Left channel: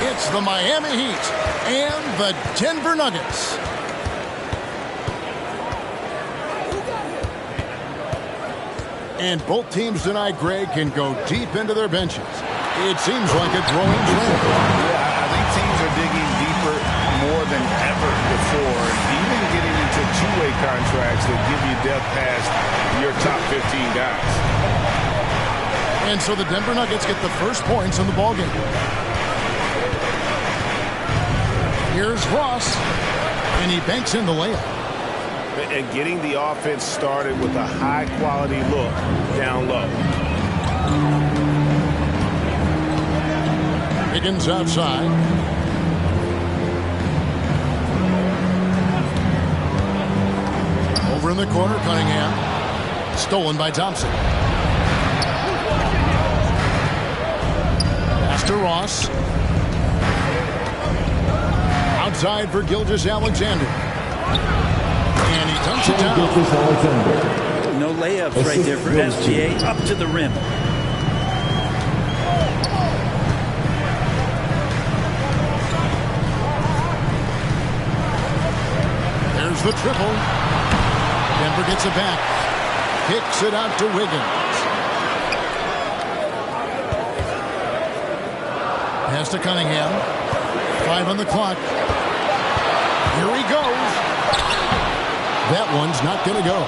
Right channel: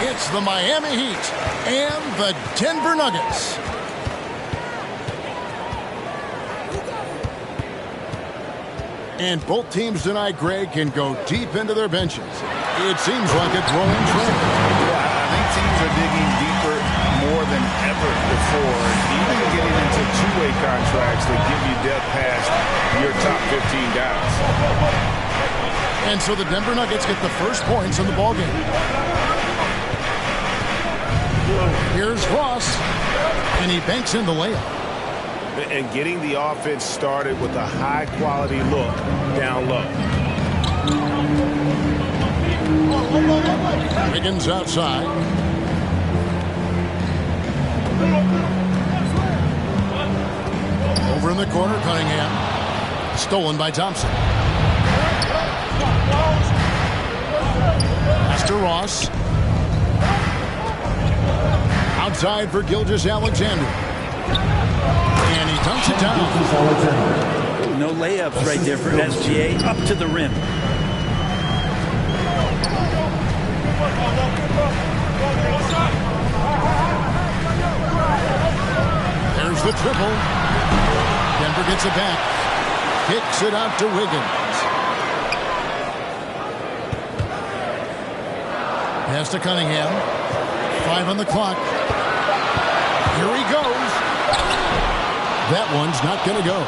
It's the Miami Heat and the Denver Nuggets. And both teams tonight, Greg, can go deep into their benches. It seems like a growing trend. Yeah, I think teams are digging deeper more than ever before, and even getting into two-way contracts that give you depth past your top 15 guys. And so the Denver Nuggets get the first points in the ballgame. Here's Ross, and he banks in the layup. And getting the offense started with a high-quality look down low. Wiggins outside. Over in the corner, Cunningham. Stolen by Thompson. Pass to Ross. Outside for Gilgeous-Alexander. And he dunks it down. No layups right there for SGA. Up to the rim. There's the triple. Denver gets it back. Kicks it out to Wiggins. Pass to Cunningham. 5 on the clock. Here he goes. That one's not going to go.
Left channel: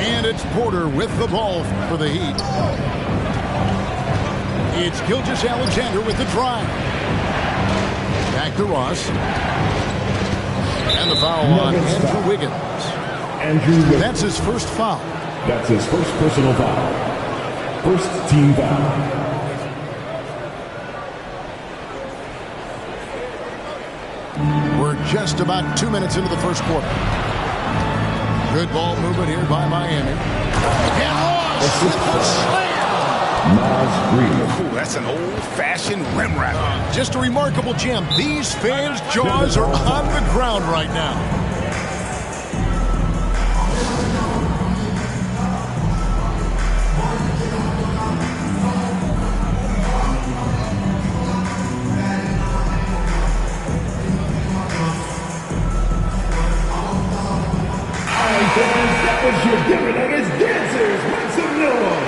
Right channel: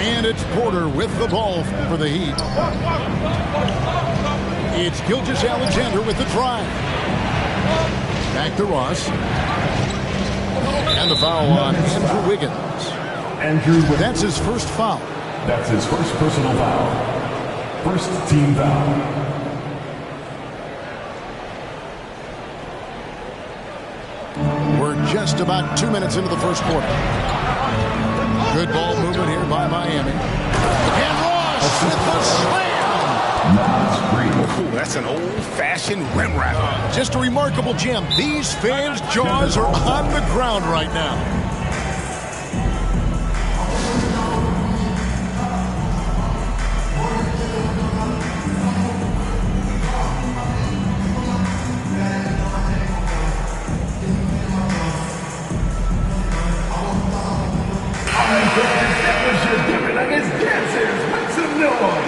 And it's Porter with the ball for the Heat. It's Gilgeous-Alexander with the drive. Back to Ross. And the foul on Andrew Wiggins. That's his first foul. That's his first personal foul. First team foul. We're just about 2 minutes into the first quarter. Good ball movement here by Miami. And Ross with the slam. Ooh, that's an old-fashioned rim wrap. Just a remarkable jam. These fans' jaws are on the ground right now. That was your Denver Nuggets dancers. Make some noise.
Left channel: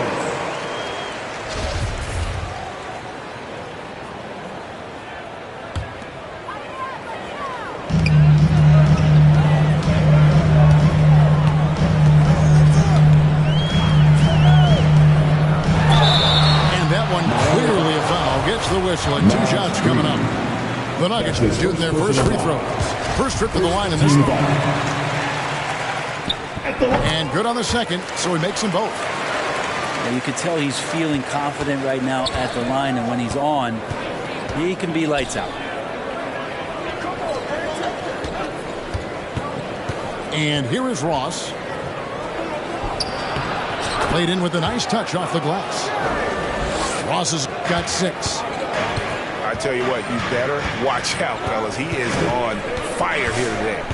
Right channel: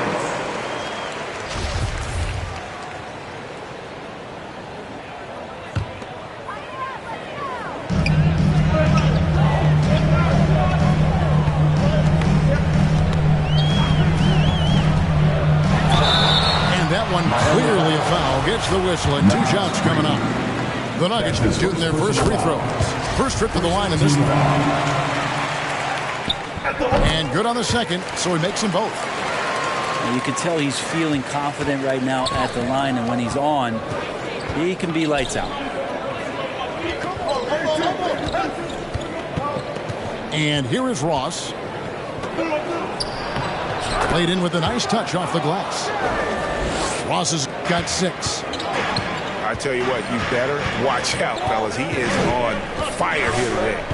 And that one clearly a foul. Gets the whistle and 2 shots coming up. The Nuggets shooting their first free throws. First trip to the line in this one. And good on the second, so he makes them both. Now you can tell he's feeling confident right now at the line, and when he's on, he can be lights out. And here is Ross. Played in with a nice touch off the glass. Ross has got 6. I tell you what, you better watch out, fellas. He is on fire here today.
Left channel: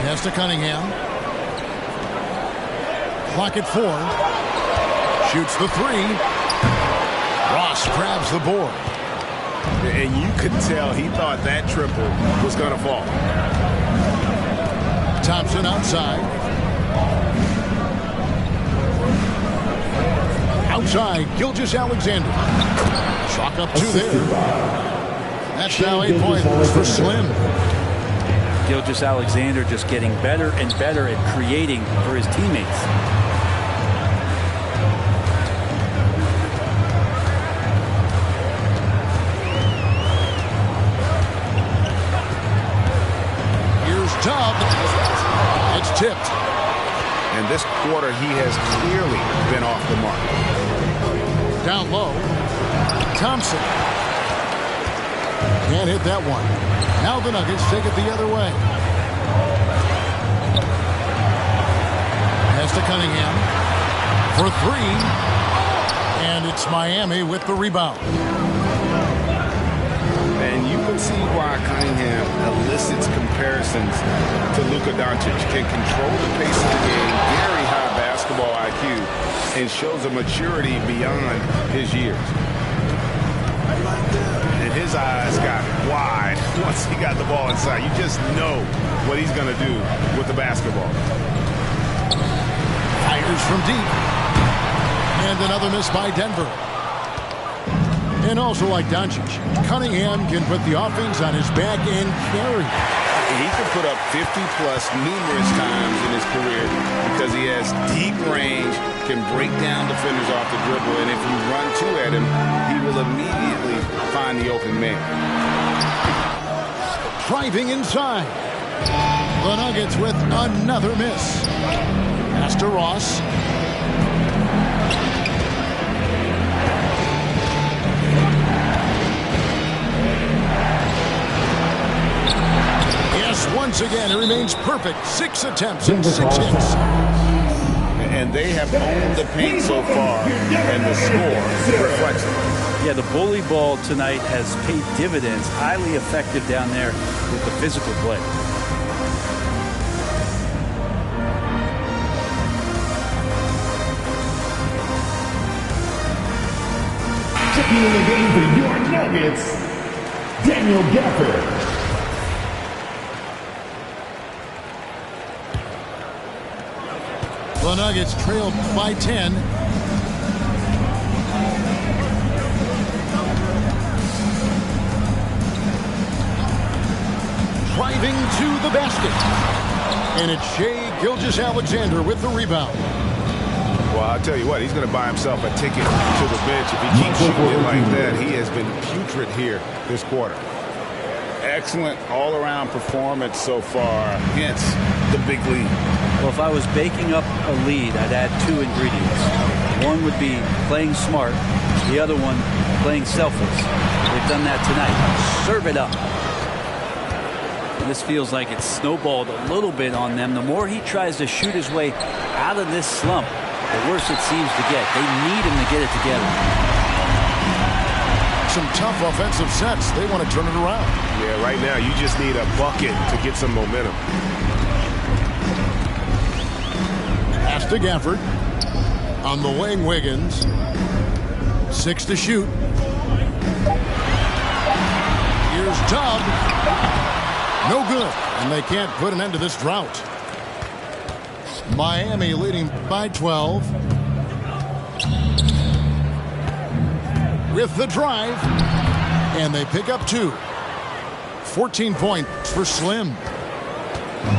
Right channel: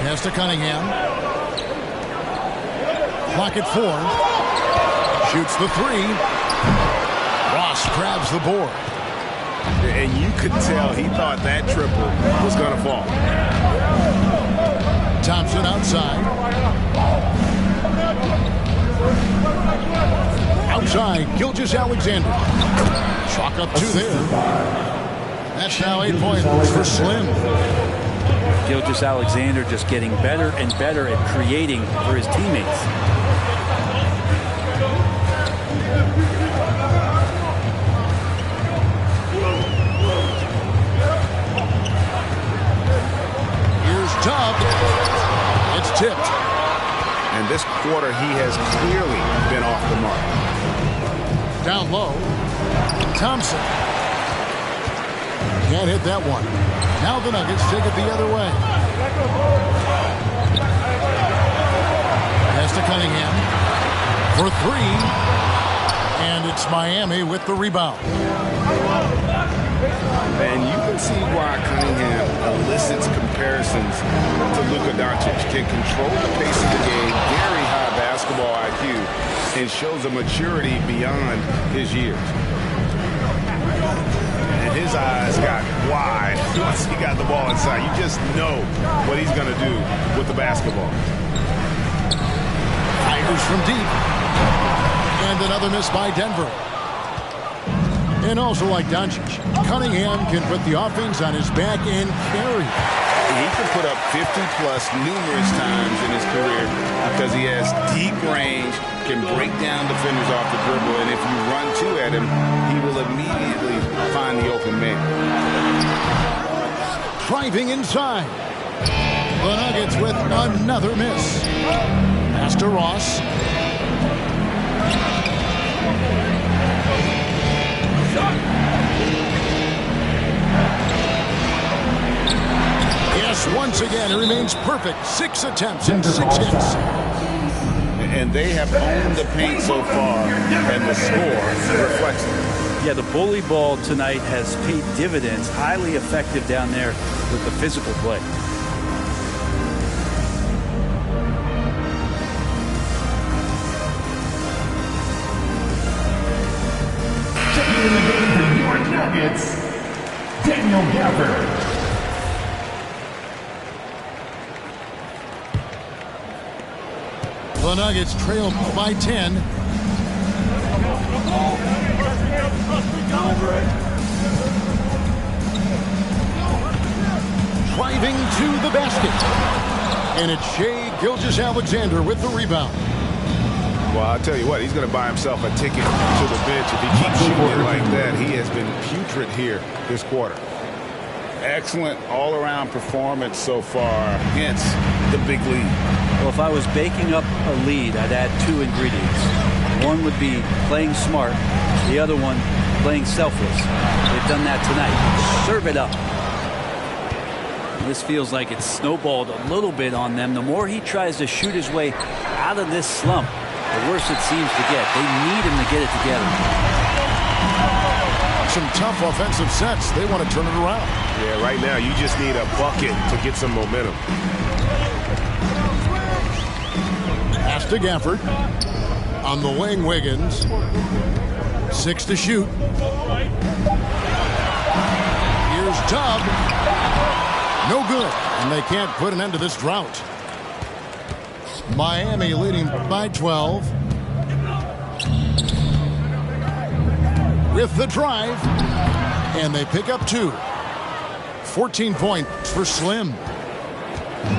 Pass to Cunningham. Clock at 4. Shoots the 3. Ross grabs the board. And you could tell he thought that triple was going to fall. Thompson outside. Outside, Gilgeous-Alexander. Chalk up 2 there. That's now 8 points for Slim. Gilgeous-Alexander just getting better and better at creating for his teammates. Here's Tubb. It's tipped. And this quarter, he has clearly been off the mark. Down low. Thompson. Can't hit that one. Now the Nuggets take it the other way. Pass to Cunningham for 3. And it's Miami with the rebound. And you can see why Cunningham elicits comparisons to Luka Doncic. Can control the pace of the game, very high basketball IQ, and shows a maturity beyond his years. And his eyes got wide once he got the ball inside. You just know what he's going to do with the basketball. Fires from deep. And another miss by Denver. And also like Doncic, Cunningham can put the offense on his back and carry. He can put up 50-plus numerous times in his career because he has deep range, can break down defenders off the dribble, and if you run two at him, he will immediately find the open man. Driving inside. The Nuggets with another miss. Pass to Ross. Yes, once again, it remains perfect. 6 attempts and 6 hits. And they have owned the paint so far, and the score reflects it. Yeah, the bully ball tonight has paid dividends. Highly effective down there with the physical play. Checking in the game for your Nuggets, Daniel Gafford. The Nuggets trail by 10. Driving to the basket. And it's Shai Gilgeous-Alexander with the rebound. Well, I'll tell you what, he's going to buy himself a ticket to the bench if he keeps shooting it like that. He has been putrid here this quarter. Excellent all-around performance so far, hence the big lead. Well, if I was baking up a lead, I'd add 2 ingredients. One would be playing smart. The other one, playing selfless. They've done that tonight. Serve it up. And this feels like it's snowballed a little bit on them. The more he tries to shoot his way out of this slump, the worse it seems to get. They need him to get it together. Some tough offensive sets. They want to turn it around. Yeah, right now you just need a bucket to get some momentum. Pass to Gafford. On the wing, Wiggins. 6 to shoot. Here's Tubb. No good. And they can't put an end to this drought. Miami leading by 12. With the drive. And they pick up 2. 14 points for Slim.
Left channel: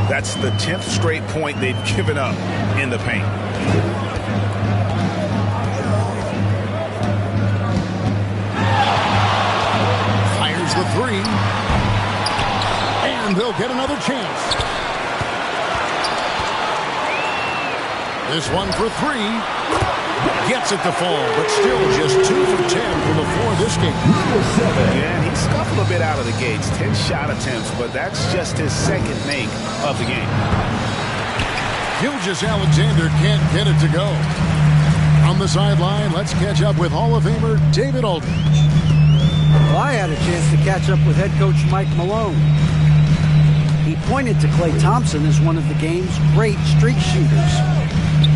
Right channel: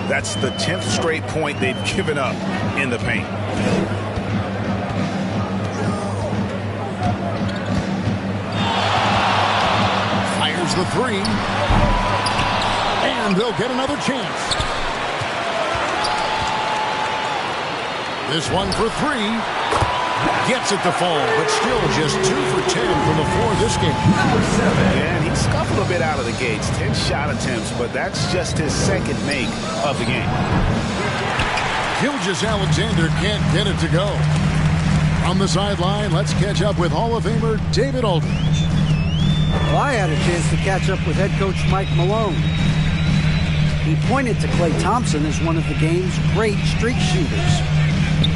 That's the 10th straight point they've given up in the paint. Fires the 3. And they'll get another chance. This one for 3. Gets it to fall, but still just 2 for 10 from the floor this game. Yeah, and he scuffled a bit out of the gates. 10 shot attempts, but that's just his second make of the game. Gilgeous-Alexander can't get it to go. On the sideline, let's catch up with Hall of Famer David Aldridge. Well, I had a chance to catch up with head coach Mike Malone. He pointed to Klay Thompson as one of the game's great streak shooters.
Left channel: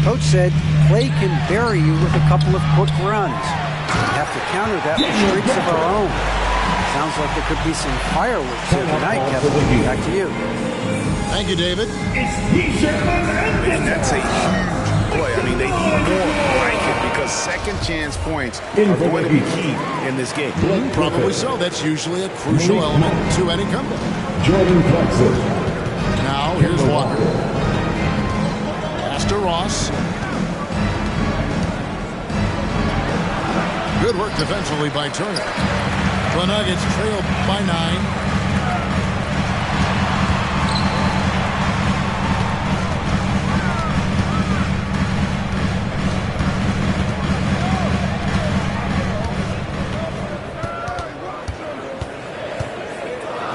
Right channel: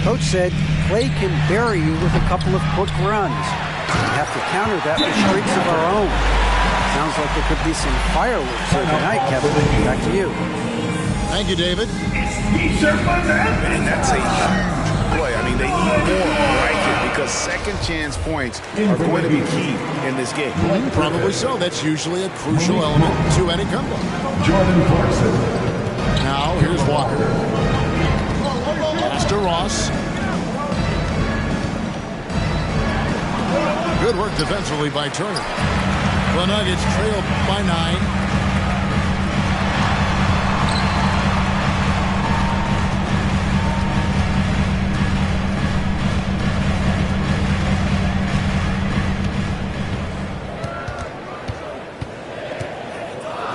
Coach said, Klay can bury you with a couple of quick runs. We have to counter that with streaks of our own. Sounds like there could be some fireworks here tonight, Kevin. Back to you. Thank you, David. And that's a huge play. I mean, they need more like it because second chance points are going to be key in this game. Probably so. That's usually a crucial element to any comeback. Jordan Clarkson. Now, here's Walker. Pass to Ross. Good work defensively by Turner. The Nuggets trail by 9.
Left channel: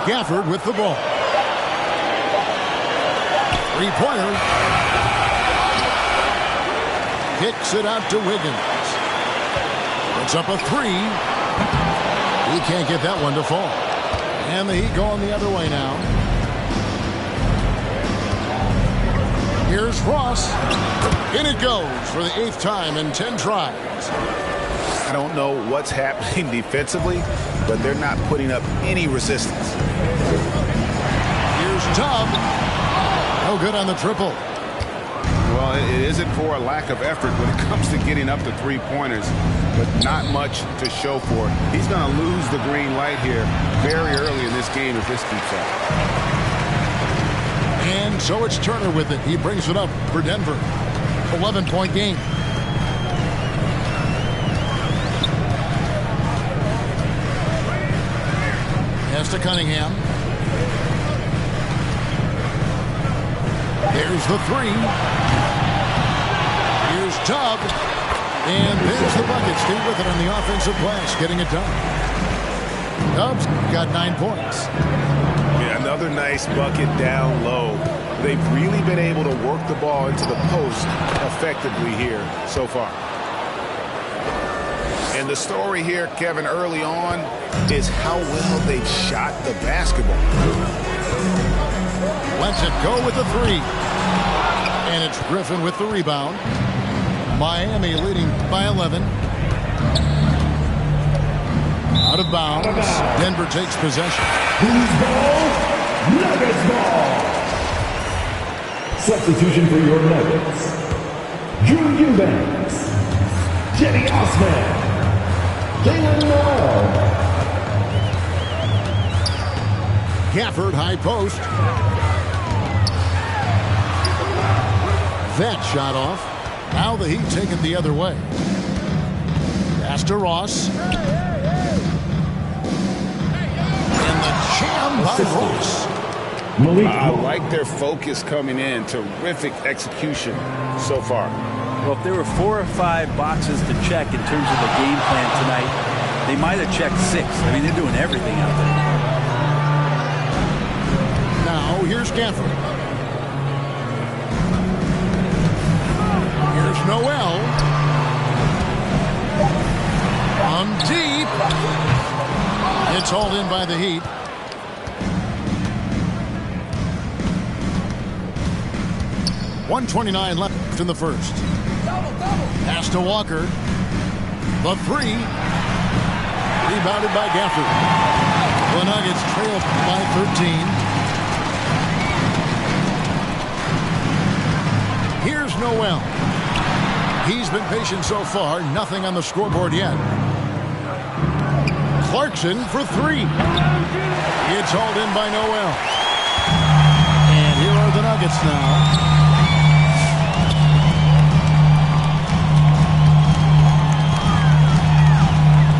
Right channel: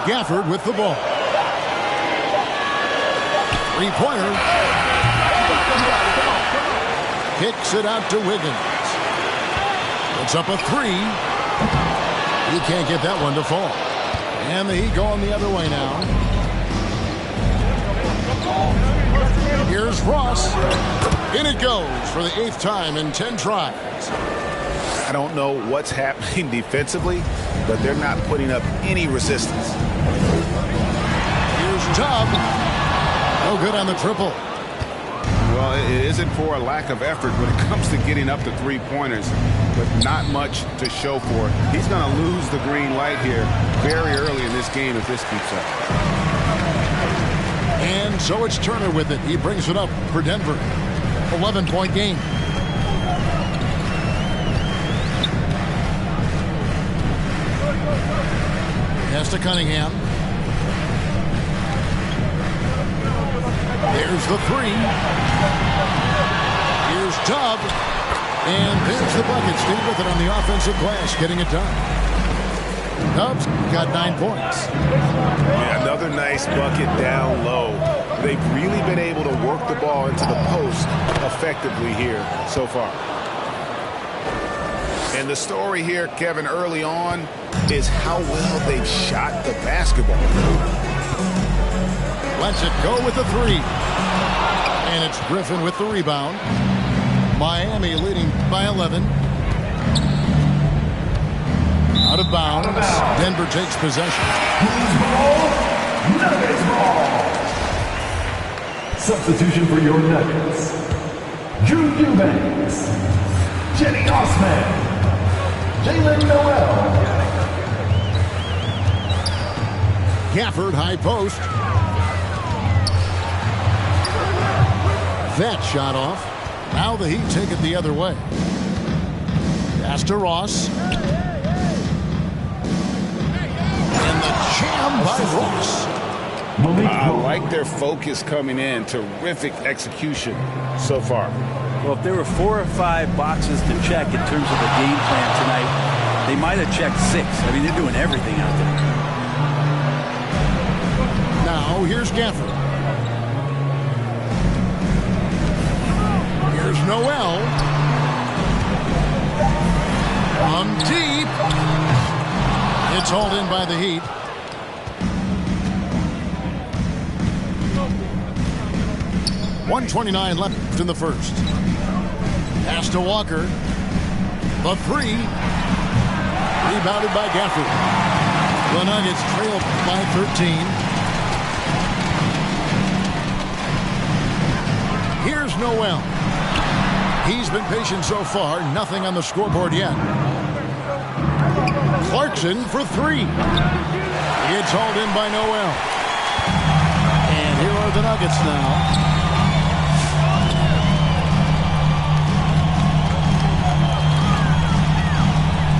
Gafford with the ball. 3-pointer. Kicks it out to Wiggins. Puts up a 3. He can't get that one to fall. And the Heat going the other way now. Here's Ross. In it goes for the 8th time in 10 tries. I don't know what's happening defensively, but they're not putting up any resistance. Here's Tubb. No good on the triple. Well, it isn't for a lack of effort when it comes to getting up to three-pointers, but not much to show for it. He's going to lose the green light here very early in this game if this keeps up. And so it's Turner with it. He brings it up for Denver. 11-point game. Pass to Cunningham. There's the three. Here's Tubb. And there's the bucket. Staying with it on the offensive glass, getting it done. Tubbs got 9 points. Yeah, another nice bucket down low. They've really been able to work the ball into the post effectively here so far. And the story here, Kevin, early on is how well they've shot the basketball. Lets it go with the three. And it's Griffin with the rebound. Miami leading by 11. Out of bounds. Denver takes possession. Who's ball? Nuggets ball. Substitution for your Nuggets. Drew Eubanks. Jenny Osman. Jalen Noel. Gafford, high post. That shot off. Now the Heat take it the other way. Pass to Ross. And the jam by Ross. I like their focus coming in. Terrific execution so far. Well, if there were 4 or 5 boxes to check in terms of the game plan tonight, they might have checked 6. I mean, they're doing everything out there. Now, here's Gafford. Here's Noel. On deep. It's hauled in by the Heat. .129 left in the first. Pass to Walker. The three. Rebounded by Gafford. The Nuggets trail by 13. Here's Noel. He's been patient so far. Nothing on the scoreboard yet. Clarkson for three. It's hauled in by Noel. And here are the Nuggets now.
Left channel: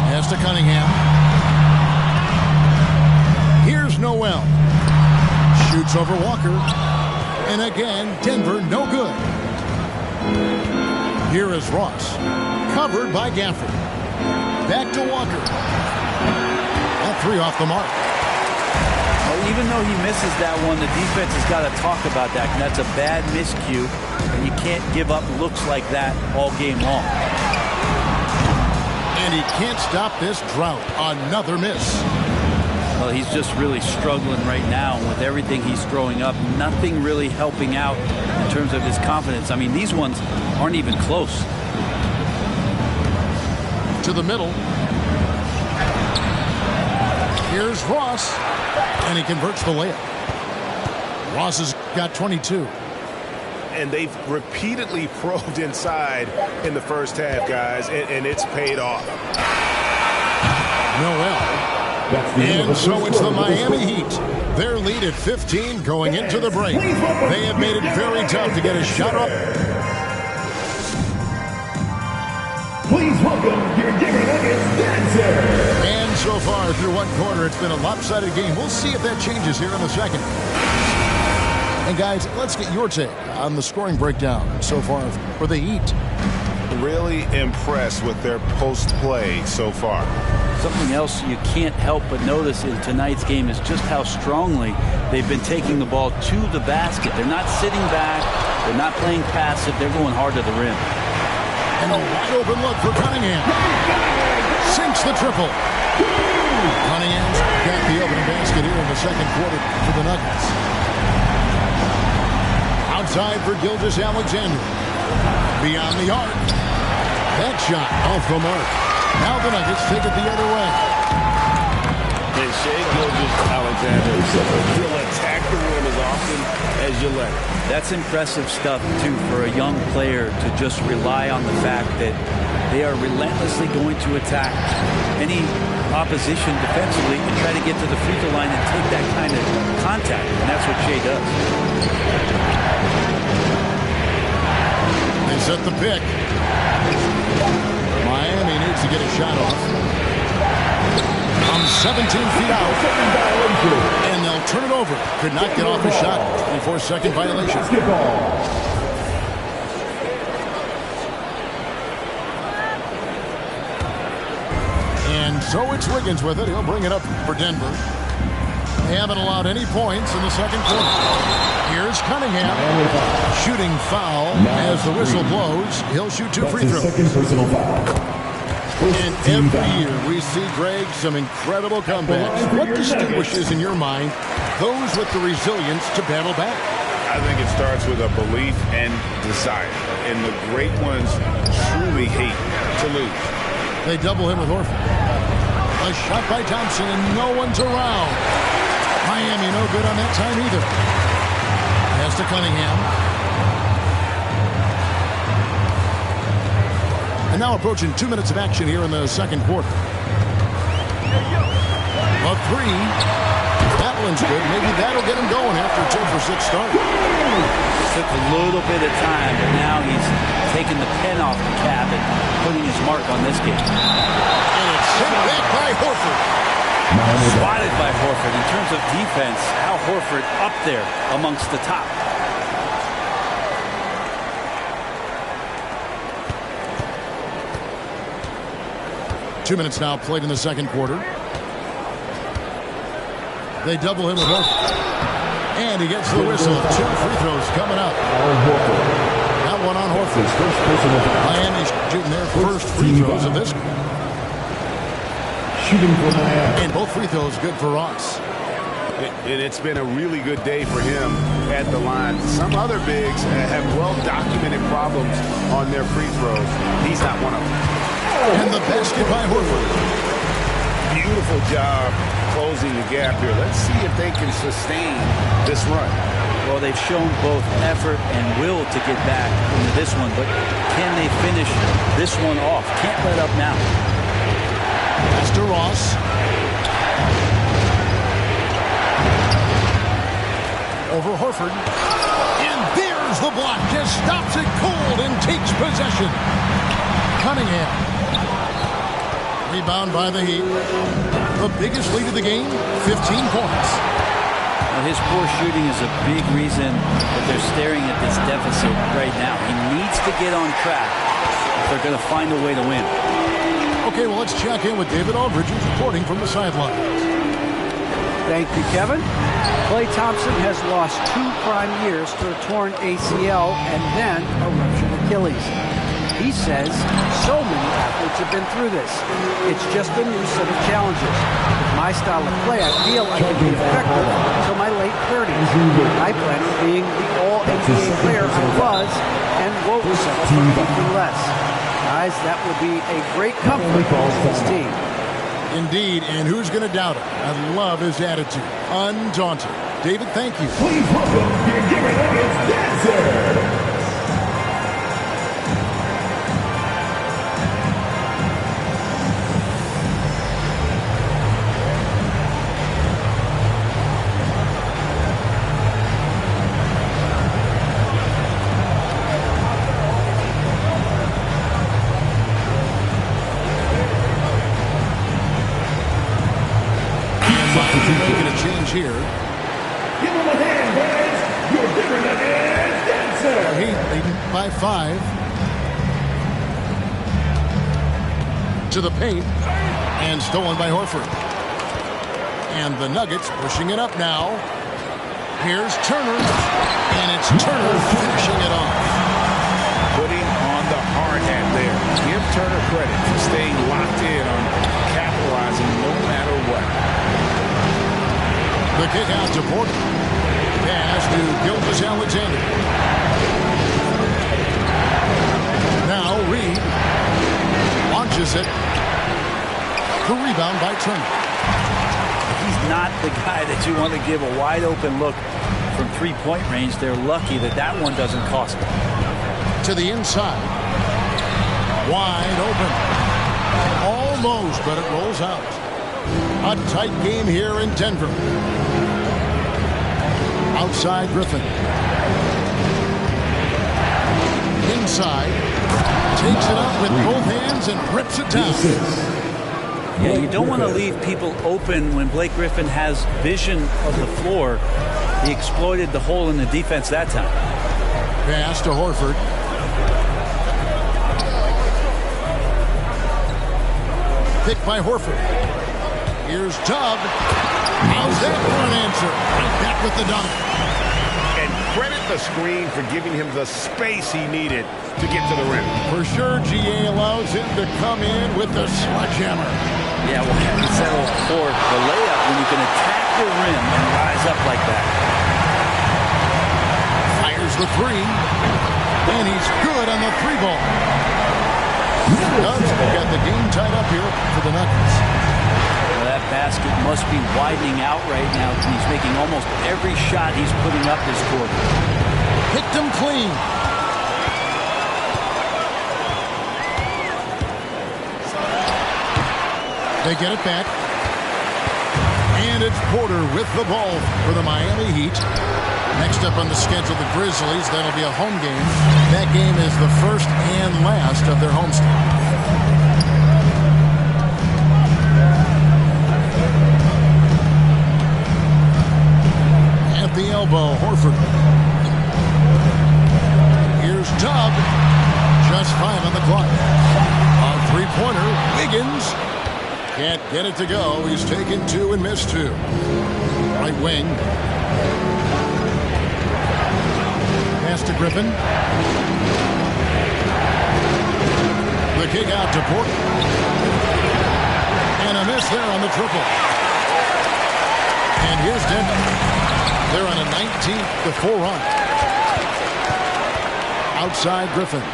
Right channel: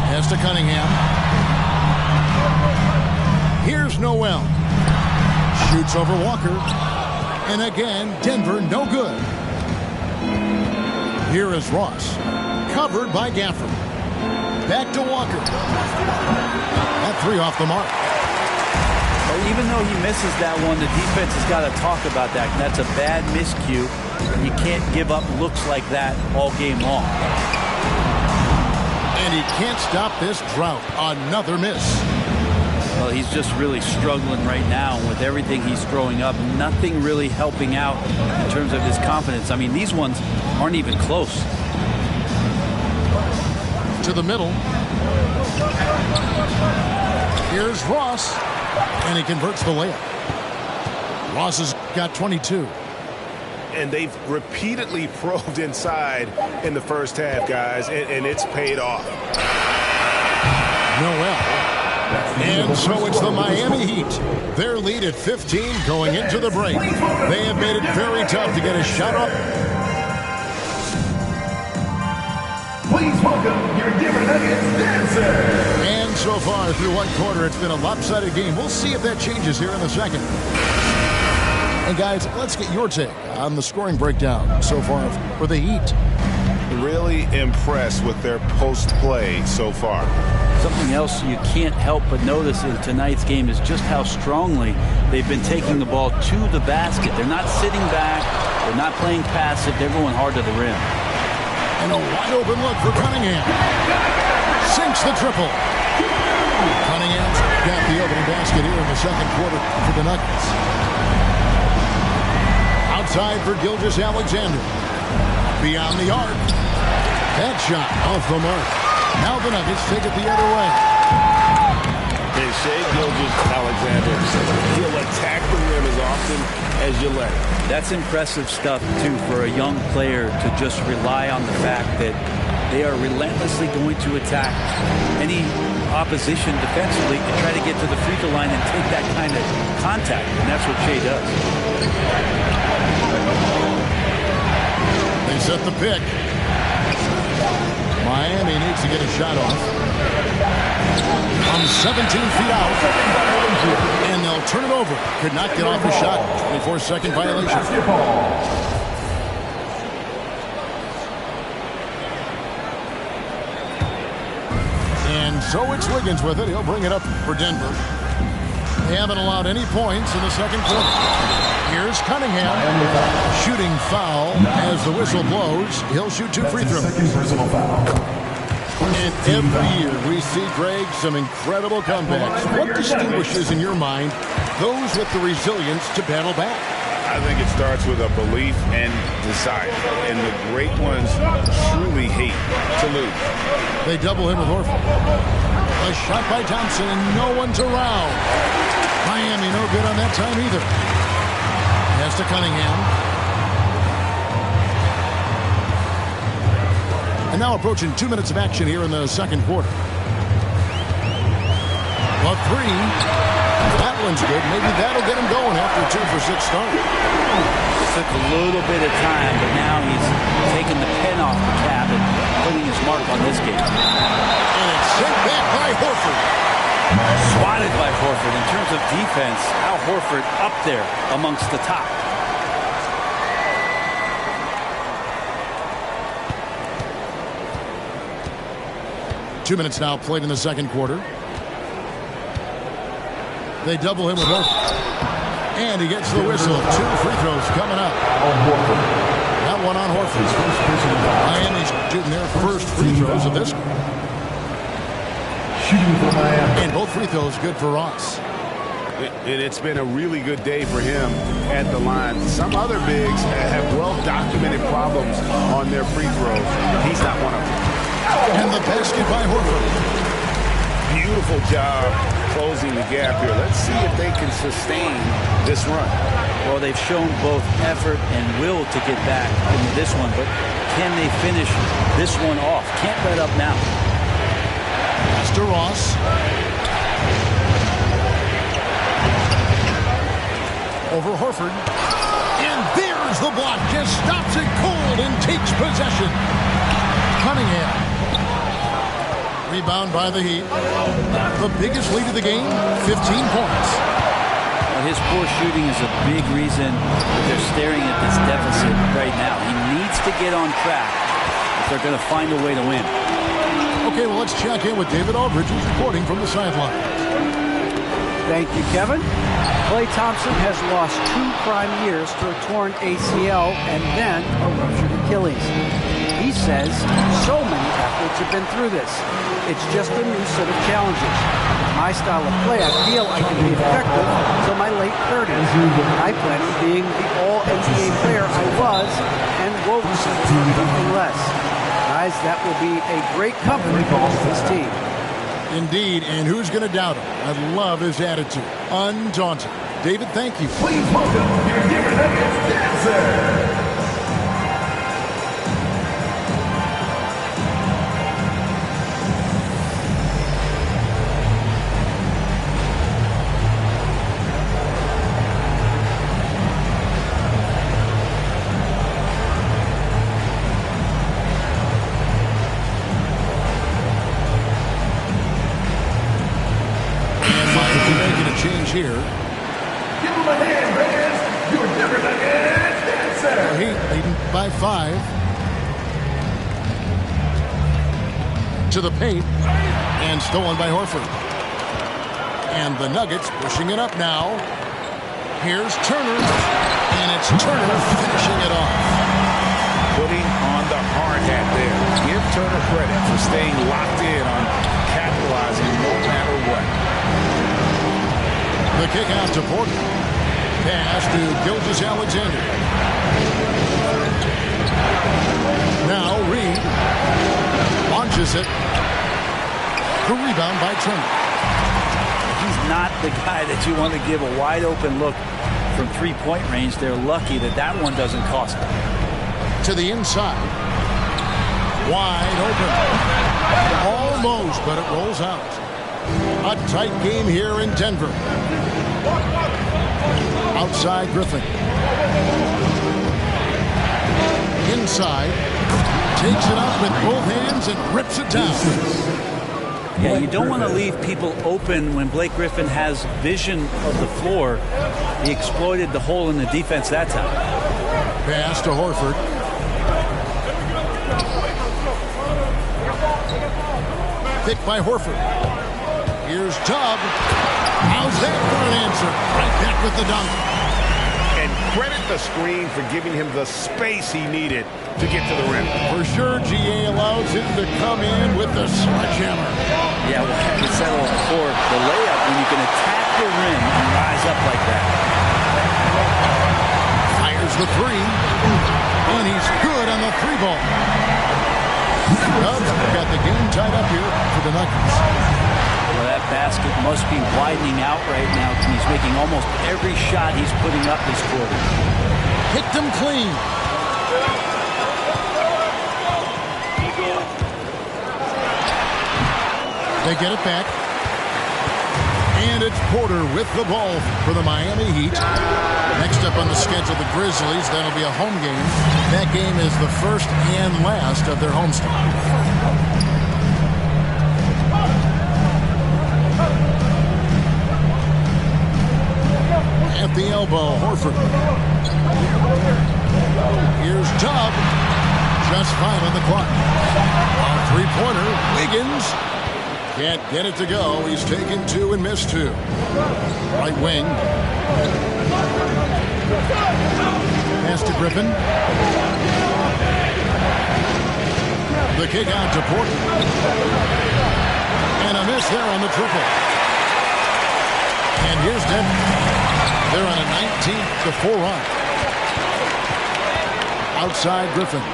Pass to Cunningham. Here's Noel. Shoots over Walker. And again, Denver no good. Here is Ross. Covered by Gafford. Back to Walker. That three off the mark. Well, even though he misses that one, the defense has got to talk about that. And that's a bad miscue. And you can't give up looks like that all game long. And he can't stop this drought. Another miss. Well, he's just really struggling right now with everything he's throwing up. Nothing really helping out in terms of his confidence. I mean, these ones aren't even close. To the middle. Here's Ross. And he converts the layup. Ross has got 22. And they've repeatedly probed inside in the first half, guys, and it's paid off. Noel. And so it's the Miami Heat. Their lead at 15 going into the break. They have made it very tough to get a shot up. Please welcome your Denver Nuggets dancer. And so far through one quarter, it's been a lopsided game. We'll see if that changes here in the second. And guys, let's get your take on the scoring breakdown so far for the Heat. Really impressed with their post play so far. Something else you can't help but notice in tonight's game is just how strongly they've been taking the ball to the basket. They're not sitting back. They're not playing passive. They're going hard to the rim. And a wide open look for Cunningham. Sinks the triple. Cunningham's got the opening basket here in the second quarter for the Nuggets. Outside for Gilgeous-Alexander. Beyond the arc. That shot off the mark. Now the Nuggets take it the other way. And Shai Gilgeous-Alexander, he'll attack the rim as often as you let him. That's impressive stuff, too, for a young player to just rely on the fact that they are relentlessly going to attack any opposition defensively and try to get to the free throw line and take that kind of contact. And that's what Shai does. They set the pick. Miami needs to get a shot off. From 17 feet out. And they'll turn it over. Could not get off a shot. 24-second violation. And so it's Wiggins with it. He'll bring it up for Denver. They haven't allowed any points in the second quarter. Here's Cunningham. Shooting foul as the whistle blows. He'll shoot 2 free throws. Second personal foul. And every year we see, Greg, some incredible comebacks. What distinguishes, in your mind, those with the resilience to battle back? I think it starts with a belief and desire. And the great ones truly hate to lose. They double him with Horford. A shot by Thompson, and no one's around. Miami no good on that time either. Pass to Cunningham. And now approaching 2 minutes of action here in the second quarter. A three. That one's good. Maybe that'll get him going after a 2-for-6 start. Took a little bit of time, but now he's taking the pen off the cap and putting his mark on this game. And it's sent back by Horford. Swatted by Horford. In terms of defense, Al Horford up there amongst the top. Two minutes now played in the second quarter. They double him with Horford. And he gets the whistle. 2 free throws coming up. That one on Horford. Miami's shooting their first free throws of this. Shooting for Miami. And both free throws good for Ross. And it's been a really good day for him at the line. Some other bigs have well-documented problems on their free throws. He's not one of them. And the basket by Horford. Beautiful job closing the gap here. Let's see if they can sustain this run. Well, they've shown both effort and will to get back into this one, but can they finish this one off? Can't let up now. Pass to Ross. Over Horford. And there's the block. Just stops it cold and takes possession. Cunningham. Rebound by the Heat. The biggest lead of the game, 15 points. Well, his poor shooting is a big reason that they're staring at this deficit right now. He needs to get on track if they're going to find a way to win. Okay, well, let's check in with David Aldridge, who's reporting from the sidelines. Thank you, Kevin. Klay Thompson has lost 2 prime years to a torn ACL and then a ruptured Achilles. He says so many athletes have been through this. It's just a new set of challenges. With my style of play, I feel I can be effective until my late 30s. I plan on being the all-NBA player I was and won't settle for anything less. Guys, that will be a great comfort to this team. Indeed, and who's going to doubt him? I love his attitude. Undaunted. David, thank you. Please welcome your Denver Nuggets dancer. Making a change here. Give him a hand, fans. Your Denver Nuggets dancer. Heat leading by 5. To the paint. And stolen by Horford. And the Nuggets pushing it up now. Here's Turner. And it's Turner finishing it off. Putting on the hard hat there. Give Turner credit for staying locked in on capitalizing no matter what. The kick out to Porter. Pass to Gilgeous-Alexander. Now Reed launches it. The rebound by Turner. He's not the guy that you want to give a wide open look from three-point range. They're lucky that that one doesn't cost them. To the inside. Wide open. Almost, but it rolls out. A tight game here in Denver. Outside Griffin. Inside. Takes it up with both hands and rips it down. Yeah, you don't want to leave people open when Blake Griffin has vision of the floor. He exploited the hole in the defense that time. Pass to Horford. Picked by Horford. Here's Tubb. How's that for an answer? Right back with the dunk. And credit the screen for giving him the space he needed to get to the rim. For sure, GA allows him to come in with the sledgehammer. Yeah, well, having settled for the layup when you can attack the rim and rise up like that. Fires the three. And he's good on the three ball. Dubs got the game tied up here for the Nuggets. Well, that basket must be widening out right now. He's making almost every shot he's putting up this quarter. Picked him clean. They get it back. And it's Porter with the ball for the Miami Heat. Next up on the schedule, the Grizzlies. That'll be a home game. That game is the first and last of their homestand. At the elbow, Horford. Here's Tubb. Just 5 on the clock. A three-pointer, Wiggins. Can't get it to go. He's taken 2 and missed 2. Right wing. Pass to Griffin. The kick out to Porter. And a miss there on the triple. And here's Denver. They're on a 19-4 run. Outside Griffin.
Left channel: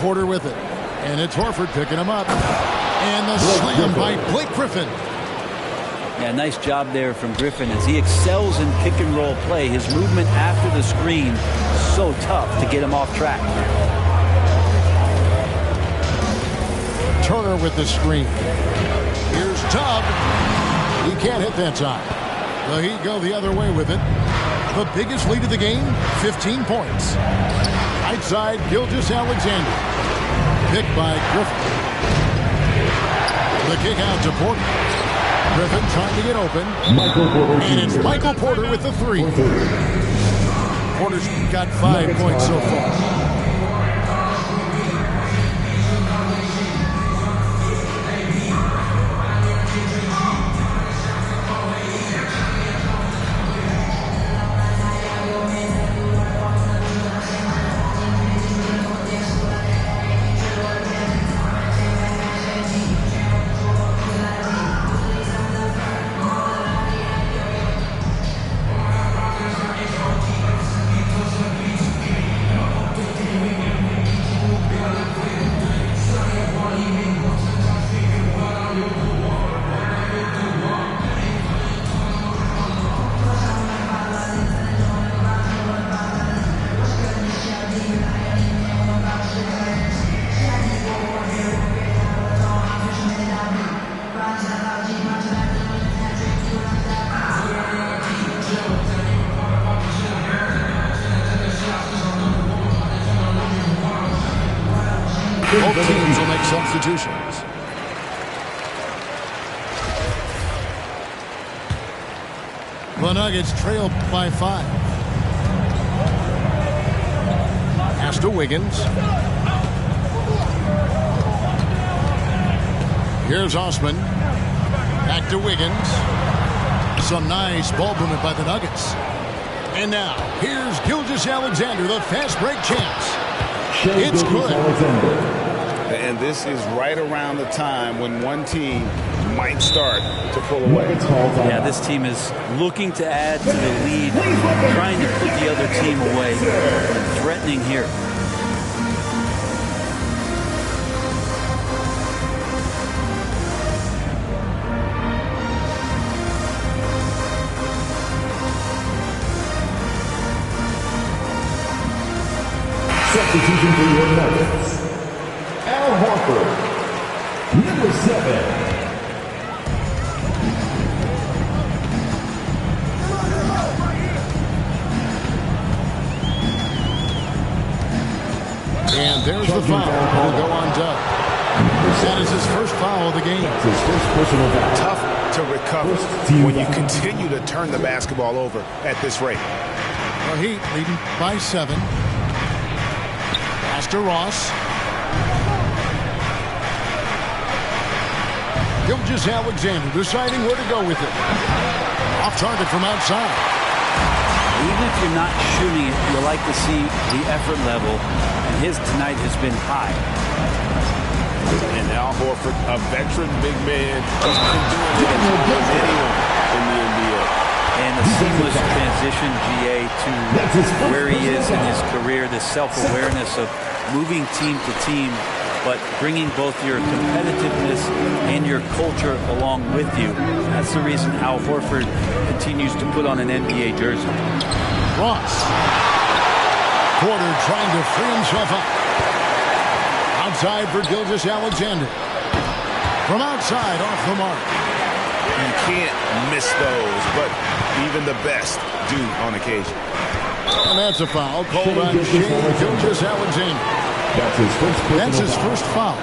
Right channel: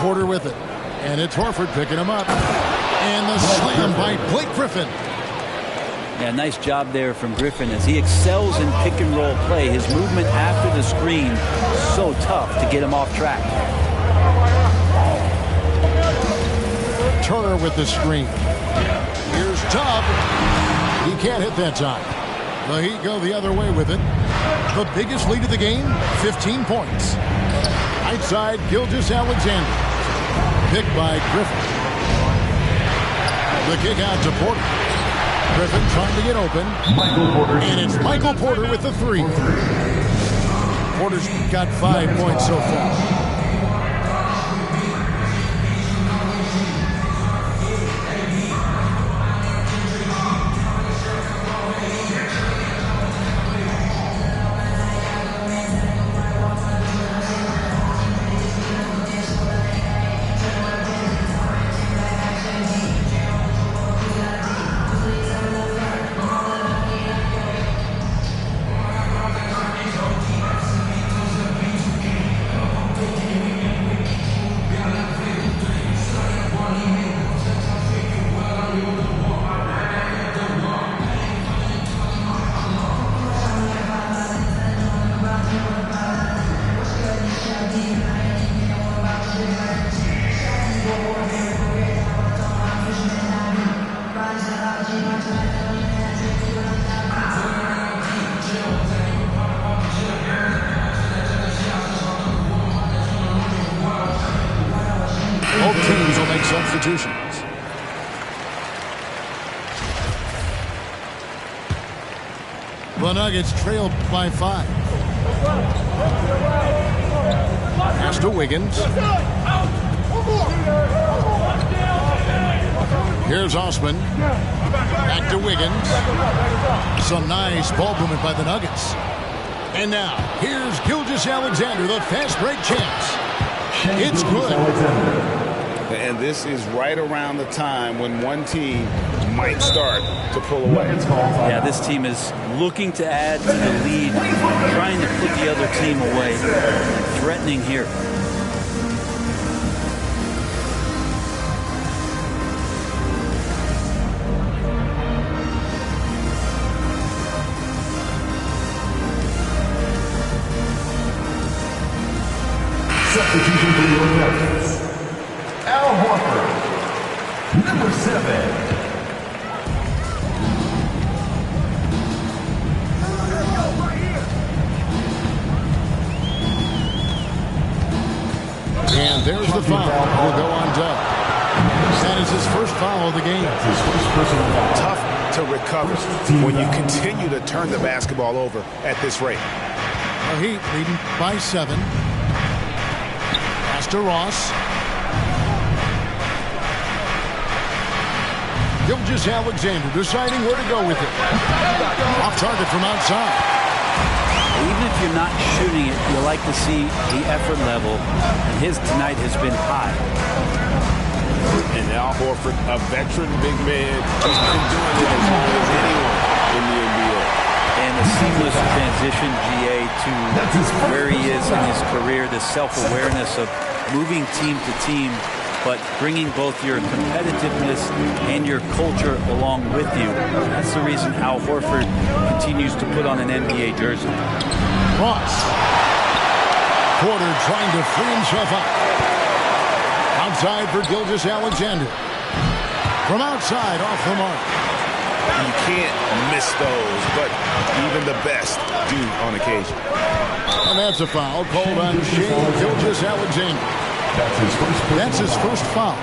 Porter with it. And it's Horford picking him up. And the slam by Blake Griffin. Yeah, nice job there from Griffin as he excels in pick and roll play. His movement after the screen, so tough to get him off track. Turner with the screen. Here's Tubb. He can't hit that time. The Heat go the other way with it. The biggest lead of the game, 15 points. Right side, Gilgeous-Alexander. Picked by Griffin. The kick out to Porter. Griffin trying to get open. And it's Michael Porter with the three. Porter's got 5 points so far. Both teams will make substitutions. The Nuggets trail by 5. Pass to Wiggins. Here's Osman. Back to Wiggins. Some nice ball movement by the Nuggets. And now, here's Gilgeous-Alexander, the fast break chance. It's good. And this is right around the time when one team might start to pull away. Yeah, this team is looking to add to the lead, trying to put the other team away, and threatening here. Substitution for your Nuggets. Al Horford, number 7. And there's the foul. Will go on Doug. That is his first foul of the game. That's his first personal foul. Tough to recover when you continue to turn the basketball over at this rate. The Heat leading by 7. Pass to Ross. Gilgeous-Alexander deciding where to go with it. Off target from outside. Even if you're not shooting it, you like to see the effort level, and his tonight has been high. And Al Horford, a veteran big man, he's been doing it as long as anyone in the NBA. And a seamless transition, GA, to where he is in his career, this self-awareness of moving team to team, but bringing both your competitiveness and your culture along with you. That's the reason Al Horford continues to put on an NBA jersey. Ross. Porter trying to free himself up. Outside for Gilgeous-Alexander. From outside, off the mark. You can't miss those, but even the best do on occasion. And that's a foul called on Shai Gilgeous-Alexander. That's his first foul.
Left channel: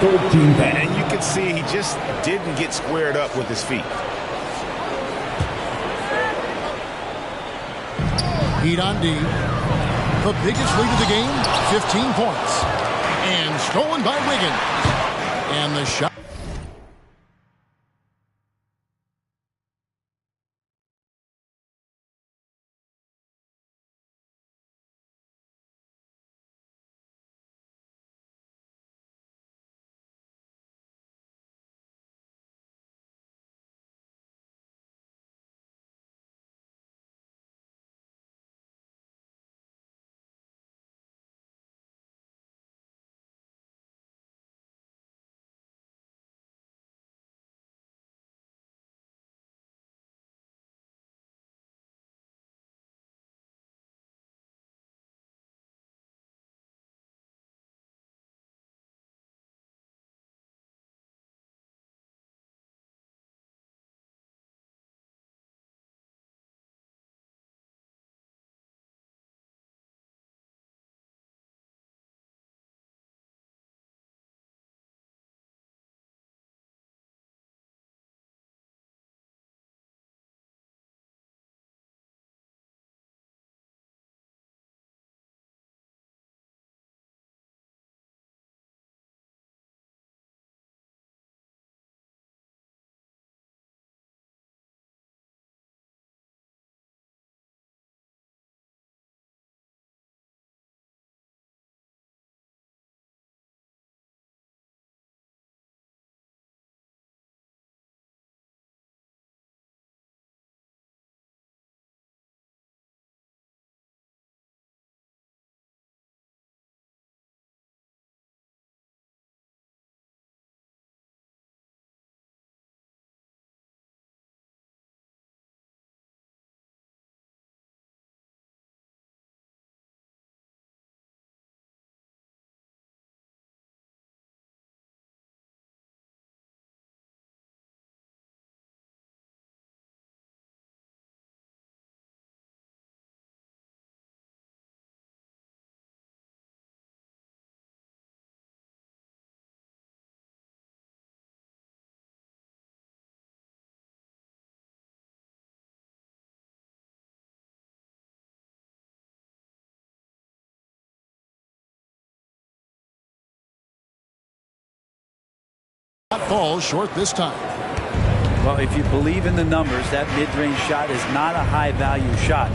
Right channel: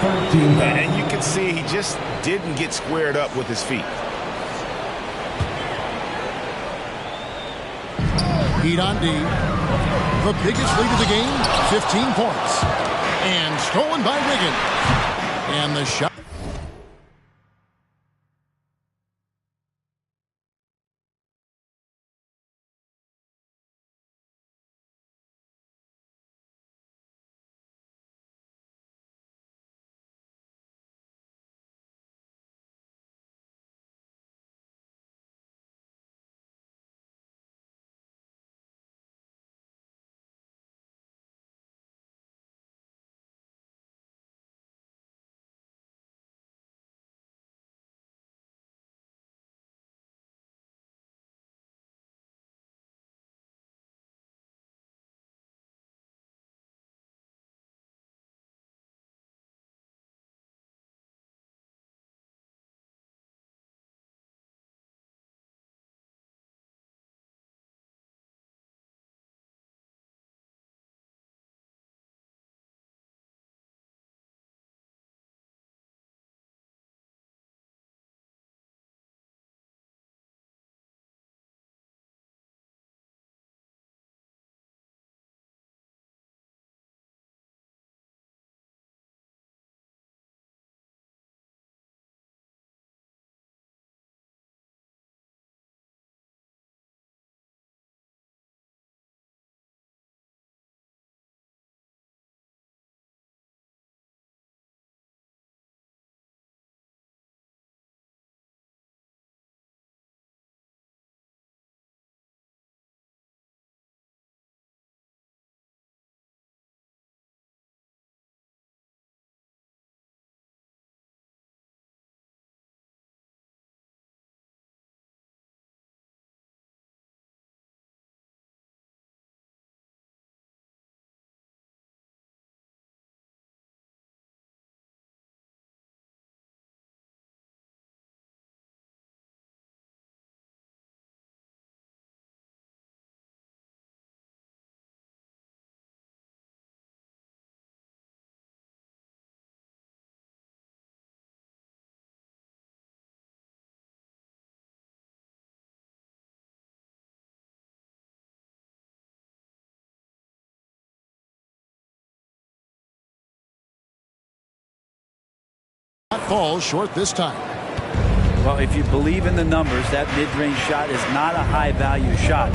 13 fouls. And you can see he just didn't get squared up with his feet. Heat on D. The biggest lead of the game, 15 points. And stolen by Wiggins. And the shot. Falls short this time. Well, if you believe in the numbers, that mid-range shot is not a high-value shot,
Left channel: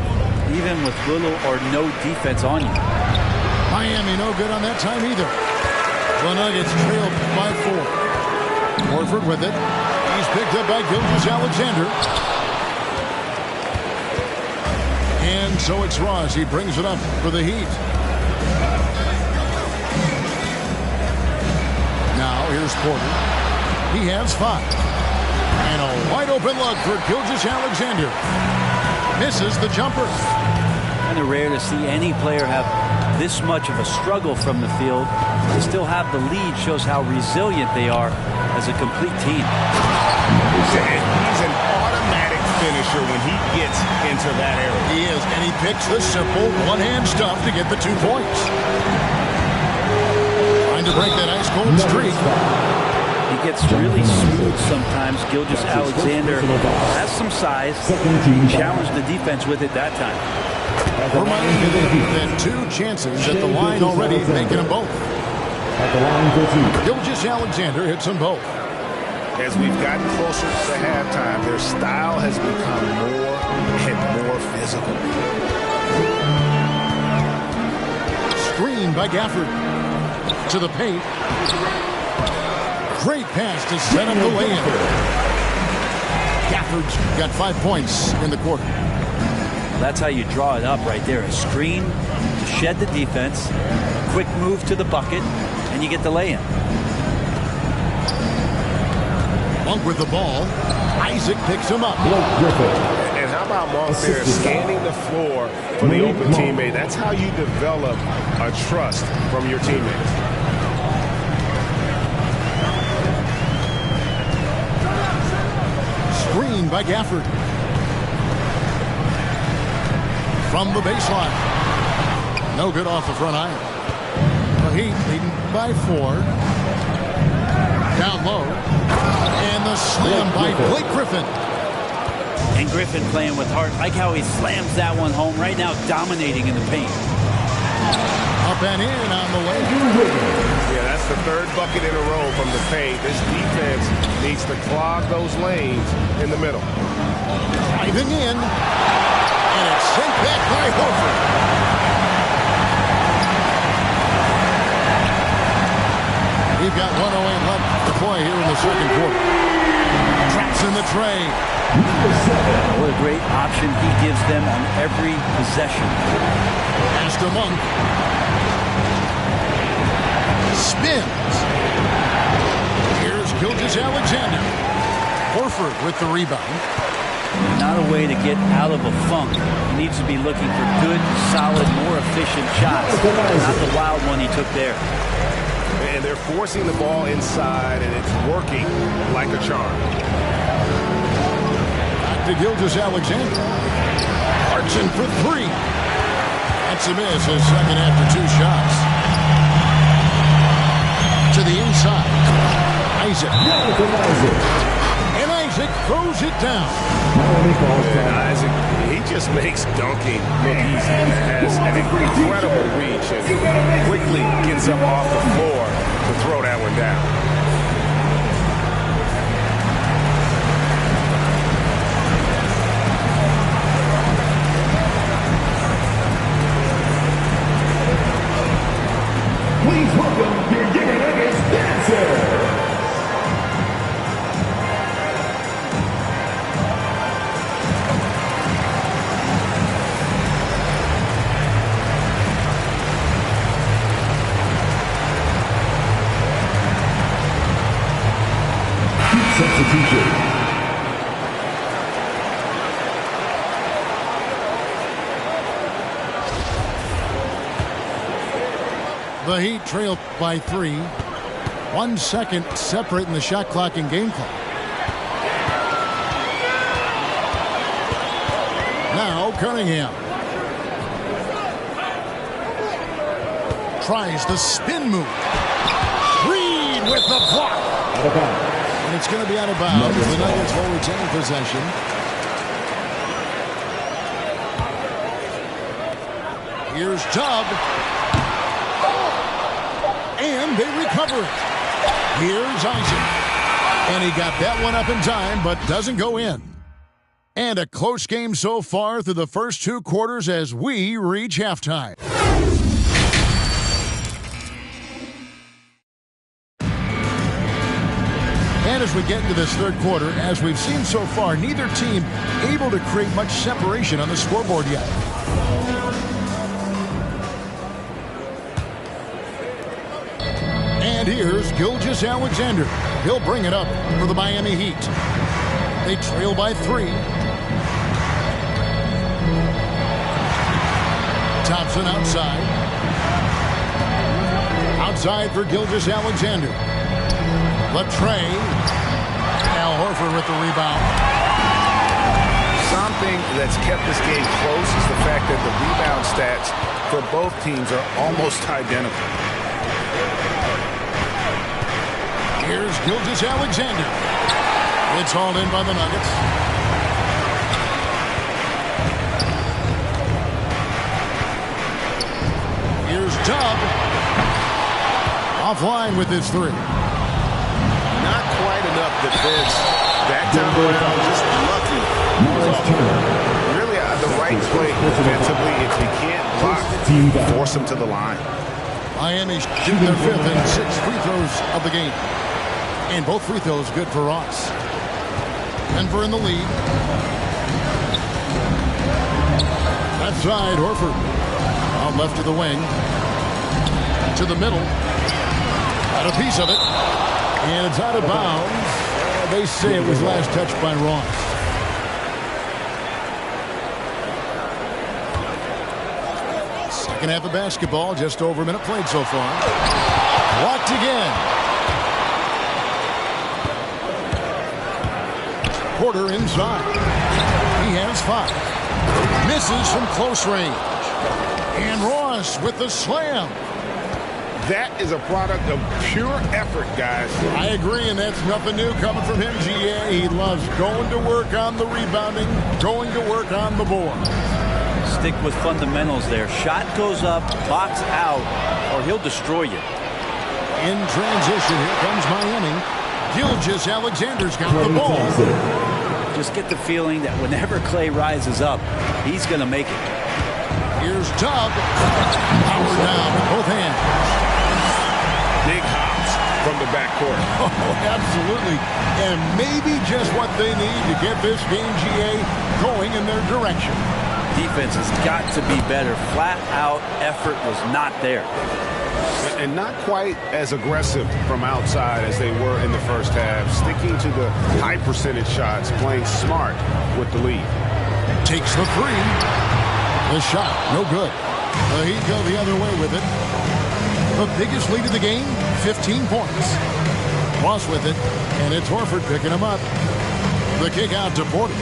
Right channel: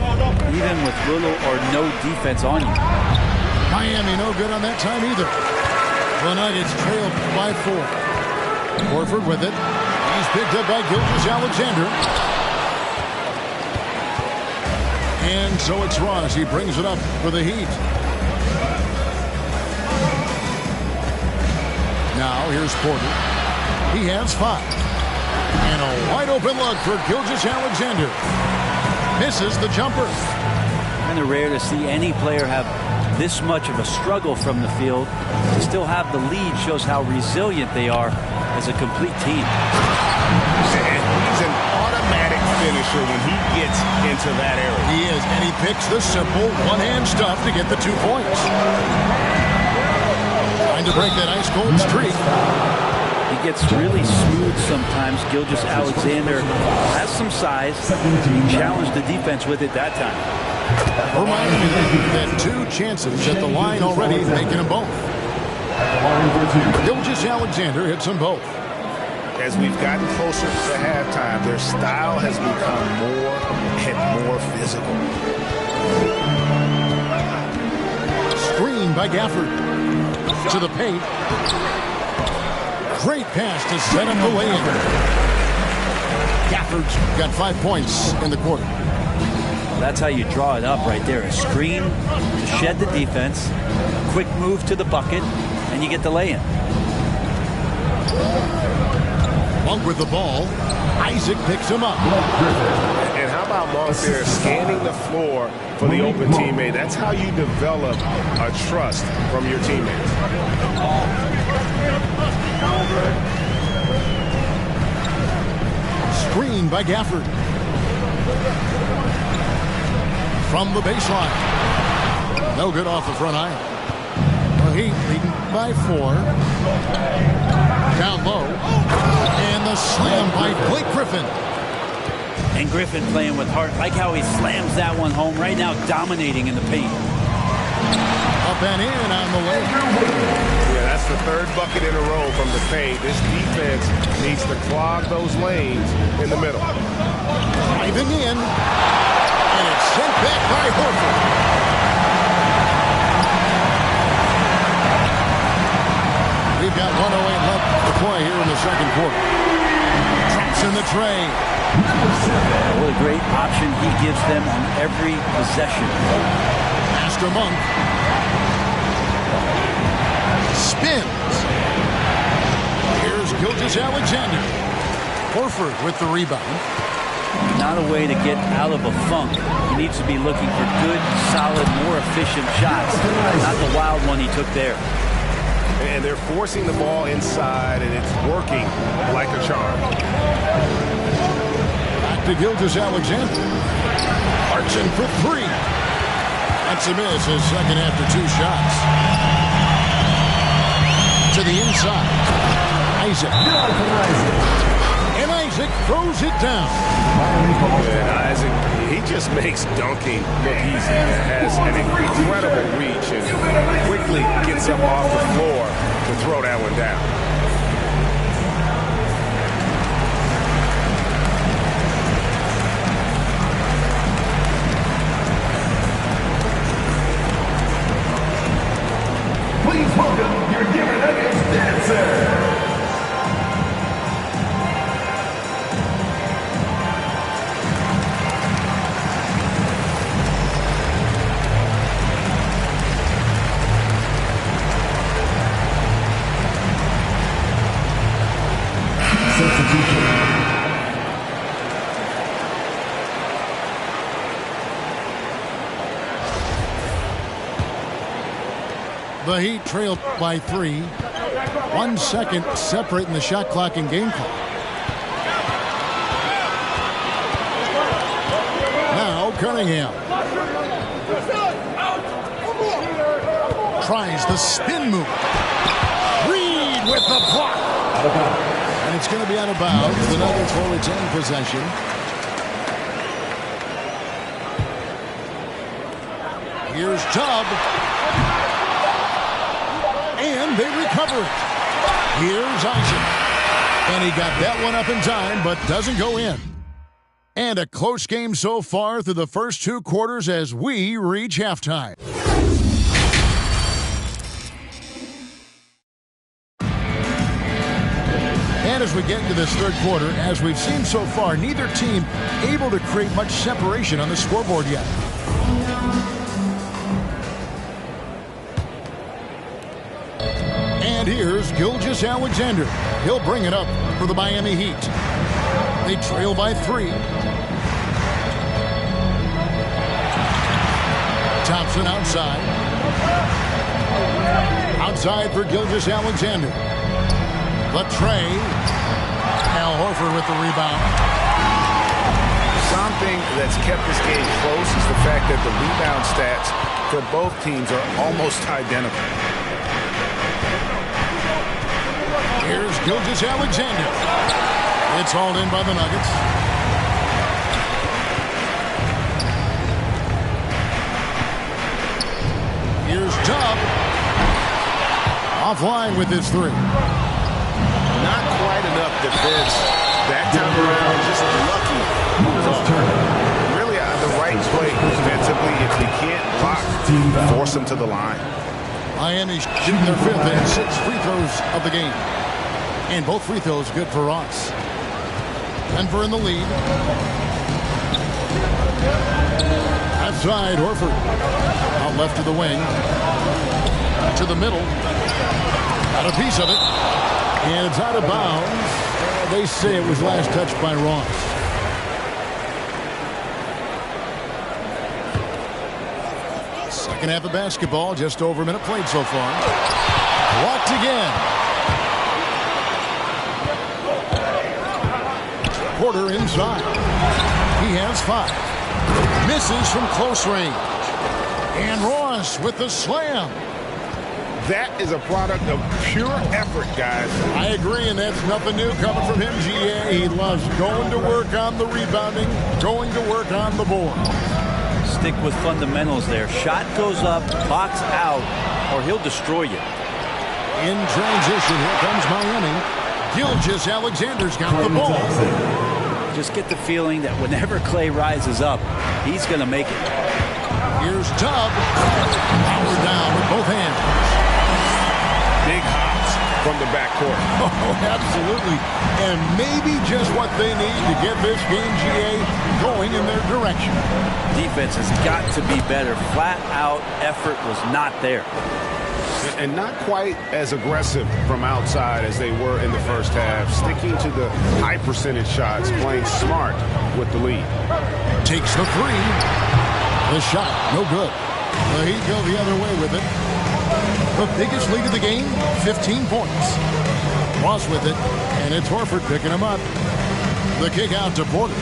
even with little or no defense on you. Miami no good on that time either. The Nuggets trail by 4. Horford with it. He's picked up by Gilgeous-Alexander. And so it's Ross. He brings it up for the Heat. Now here's Porter. He has 5. And a wide open look for Gilgeous-Alexander. Misses the jumper. Kind of rare to see any player have this much of a struggle from the field. To still have the lead shows how resilient they are as a complete team. And he's an automatic finisher when he gets into that area. He is, and he picks the simple one-hand stuff to get the 2 points. Trying to break that ice-cold streak. He gets really smooth sometimes. Gilgeous-Alexander has some size. He challenged the defense with it that time. Reminding you that 2 chances at the line already, making them both. Gilgeous-Alexander hits them both. As we've gotten closer to halftime, their style has become more and more physical. Screen by Gafford. To the paint. Great pass to set up the lay-in. Gafford's got 5 points in the quarter. That's how you draw it up right there. A screen to shed the defense, a quick move to the bucket, and you get the lay-in. Monk with the ball. Isaac picks him up. And how about Monk there scanning the floor for the open teammate? That's how you develop a trust from your teammates. Screen by Gafford. From the baseline. No good off the front iron. The Heat leading by 4. Down low. And the slam by Blake Griffin. And Griffin playing with heart. Like how he slams that one home right now, dominating in the paint. Up and in on the way. Yeah, that's the 3rd bucket in a row from the paint. This defense needs to clog those lanes in the middle. Driving in. And it's sent back by Horford. We've got 1:08 left to play here in the second quarter. Traps in the tray. What a great option he gives them on every possession. Pass to Monk. Spins. Here's Gilgeous-Alexander. Horford with the rebound. Not a way to get out of a funk. He needs to be looking for good, solid, more efficient shots. Not the wild one he took there. And they're forcing the ball inside, and it's working like a charm. Back to Gilgeous-Alexander. Hartson for 3. That's a miss, his second after 2 shots. To the inside. Isaac. And Isaac throws it down. And Isaac, he just makes dunking look easy. Has an incredible reach and quickly gets up off the floor to throw that one down. Please welcome your GuruRick dancers. Substitution. The Heat trail by 3. 1 second separating the shot clock and game clock. Now Cunningham. Tries the spin move. Reed with the block. Out of bounds. And it's going to be out of bounds. The Nuggets will retain possession. Here's Chubb. And they recover it. Here's Isaac. And he got that one up in time, but doesn't go in. And a close game so far through the first 2 quarters as we reach halftime. as we get into this third quarter, as we've seen so far, neither team able to create much separation on the scoreboard yet. And here's Gilgeous-Alexander. He'll bring it up for the Miami Heat. They trail by 3. Thompson outside. Outside for Gilgeous-Alexander. Latre. Al Horford with the rebound. Something that's kept this game close is the fact that the rebound stats for both teams are almost identical. Here's Gilgeous-Alexander. It's hauled in by the Nuggets. Here's Tubb. Offline with his 3. Not quite enough defense that time around. Just lucky he was off. Really the right play defensively. If he can't block, force him to the line. Miami shooting their 5th and 6th free throws of the game. And both free throws good for Ross. Denver in the lead. Left side, Horford. Out left to the wing. To the middle. Got a piece of it. And it's out of bounds. They say it was last touched by Ross. Second half of basketball. Just over a minute played so far. Blocked again. Porter inside. He has 5. Misses from close range. And Ross with the slam. That is a product of pure effort, guys. I agree, and that's nothing new coming from him, GA. He loves going to work on the rebounding, going to work on the board. Stick with fundamentals there. Shot goes up, box out, or he'll destroy you. In transition, here comes Miami. Gilgeous-Alexander's got the ball. Just get the feeling that whenever Clay rises up, he's going to make it. Here's Tubb. Powered down with both hands. Big hops from the backcourt. Oh, absolutely. And maybe just what they need to get this game, GA, going in their direction. Defense has got to be better. Flat out effort was not there. And not quite as aggressive from outside as they were in the first half. Sticking to the high percentage shots, playing smart with the lead. Takes the 3. The shot, no good. The Heat go the other way with it. The biggest lead of the game, 15 points. Ross with it, and it's Horford picking him up. The kick out to Porter.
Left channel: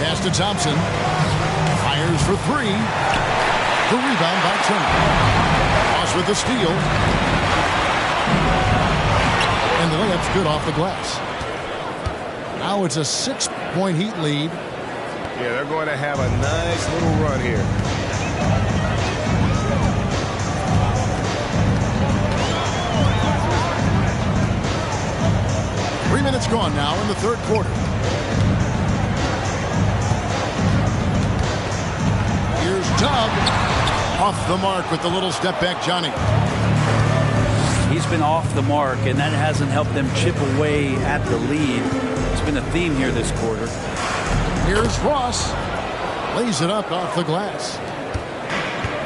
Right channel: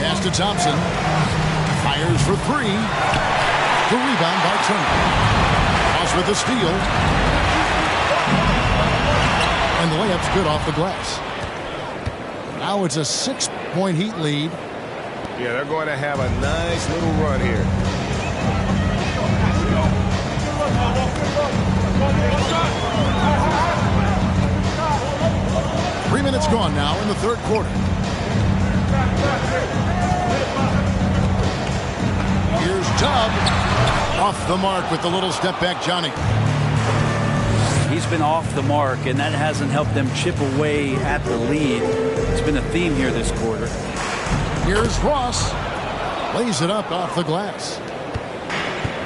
Pass to Thompson. Fires for 3. The rebound by Turner. Ross with the steal. And the layup's good off the glass. Now it's a 6-point Heat lead. Yeah, they're going to have a nice little run here. Three minutes gone now in the third quarter. Here's Tubb. Off the mark with the little step back, Johnny. He's been off the mark, and that hasn't helped them chip away at the lead. It's been a theme here this quarter. Here's Ross. Lays it up off the glass.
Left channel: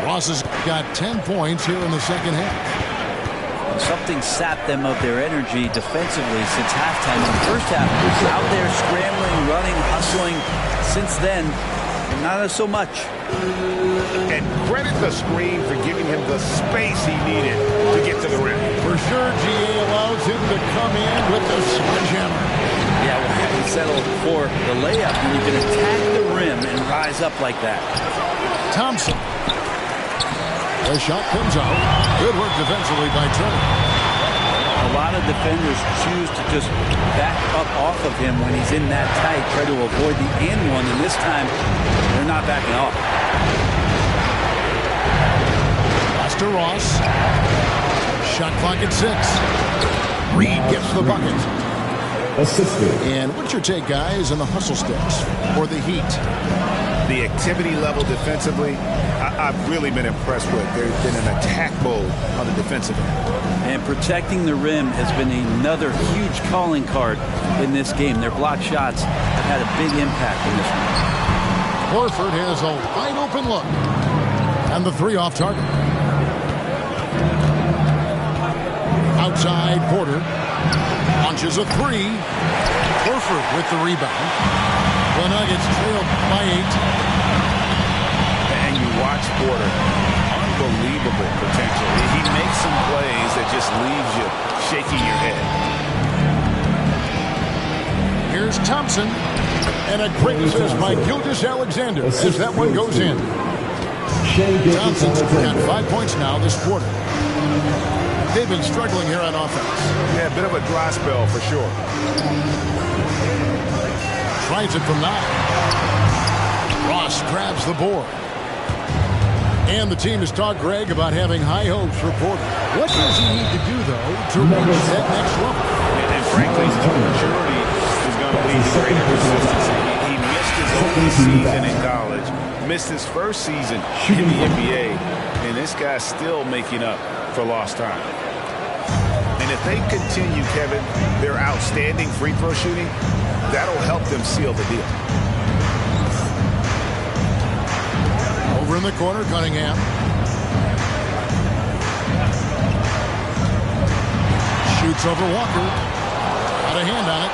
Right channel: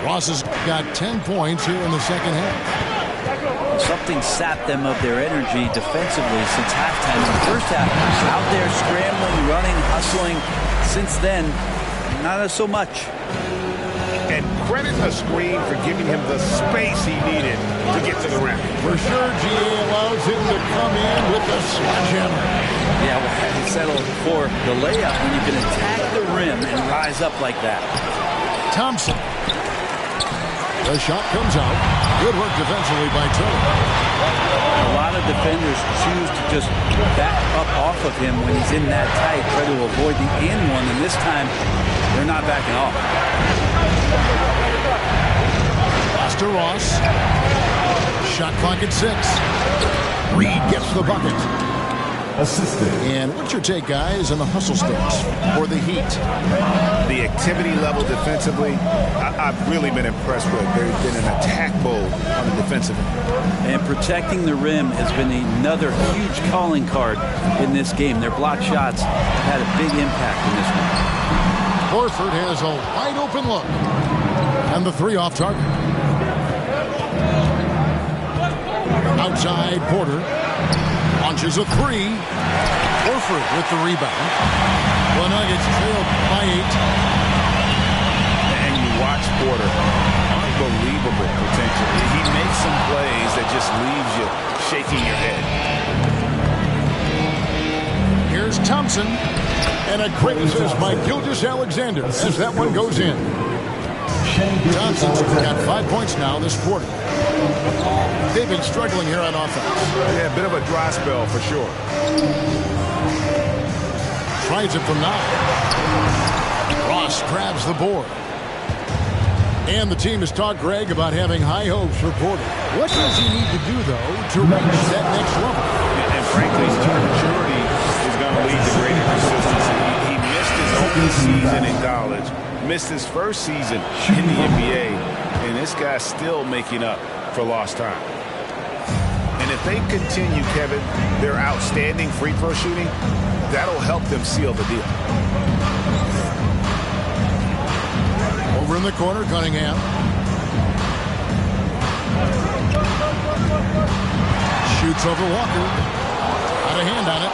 Ross has got 10 points here in the second half. Something sapped them of their energy defensively since halftime. In the first half, out there scrambling, running, hustling. Since then, not so much. And credit the screen for giving him the space he needed to get to the rim. For sure, GA allows him to come in with the sledgehammer. Yeah, well, he settled for the layup when you can attack the rim and rise up like that. Thompson. The shot comes out. Good work defensively by Turner. A lot of defenders choose to just back up off of him when he's in that tight, try to avoid the and one, and this time they're not backing off. Pass to Ross. Shot clock at 6. Reed gets the bucket. assisted. And what's your take, guys, on the hustle sticks for the Heat? The activity level defensively, I've really been impressed with. There's been an attack mode on the defensive end. And protecting the rim has been another huge calling card in this game. Their block shots have had a big impact in this one. Horford has a wide open look. And the three off target. Outside, Porter launches a three. Horford with the rebound. The Nuggets trailed by 8. And you watch Porter. Unbelievable potential. He makes some plays that just leaves you shaking your head. Here's Thompson. And a great assist by Gilgeous-Alexander as that one goes in. Thompson's got 5 points now this quarter. They've been struggling here on offense. Yeah, a bit of a dry spell for sure. Tries it from 9. Ross grabs the board. And the team has talked, Greg, about having high hopes for Porter. What does he need to do, though, to reach that next level? And frankly, maturity is going to lead to greater consistency. He missed his only season in college, missed his first season in the NBA, and this guy's still making up for lost time. And if they continue, Kevin, their outstanding free throw shooting, that'll help them seal the deal. Over in the corner, Cunningham. Shoots over Walker. Got a hand on it.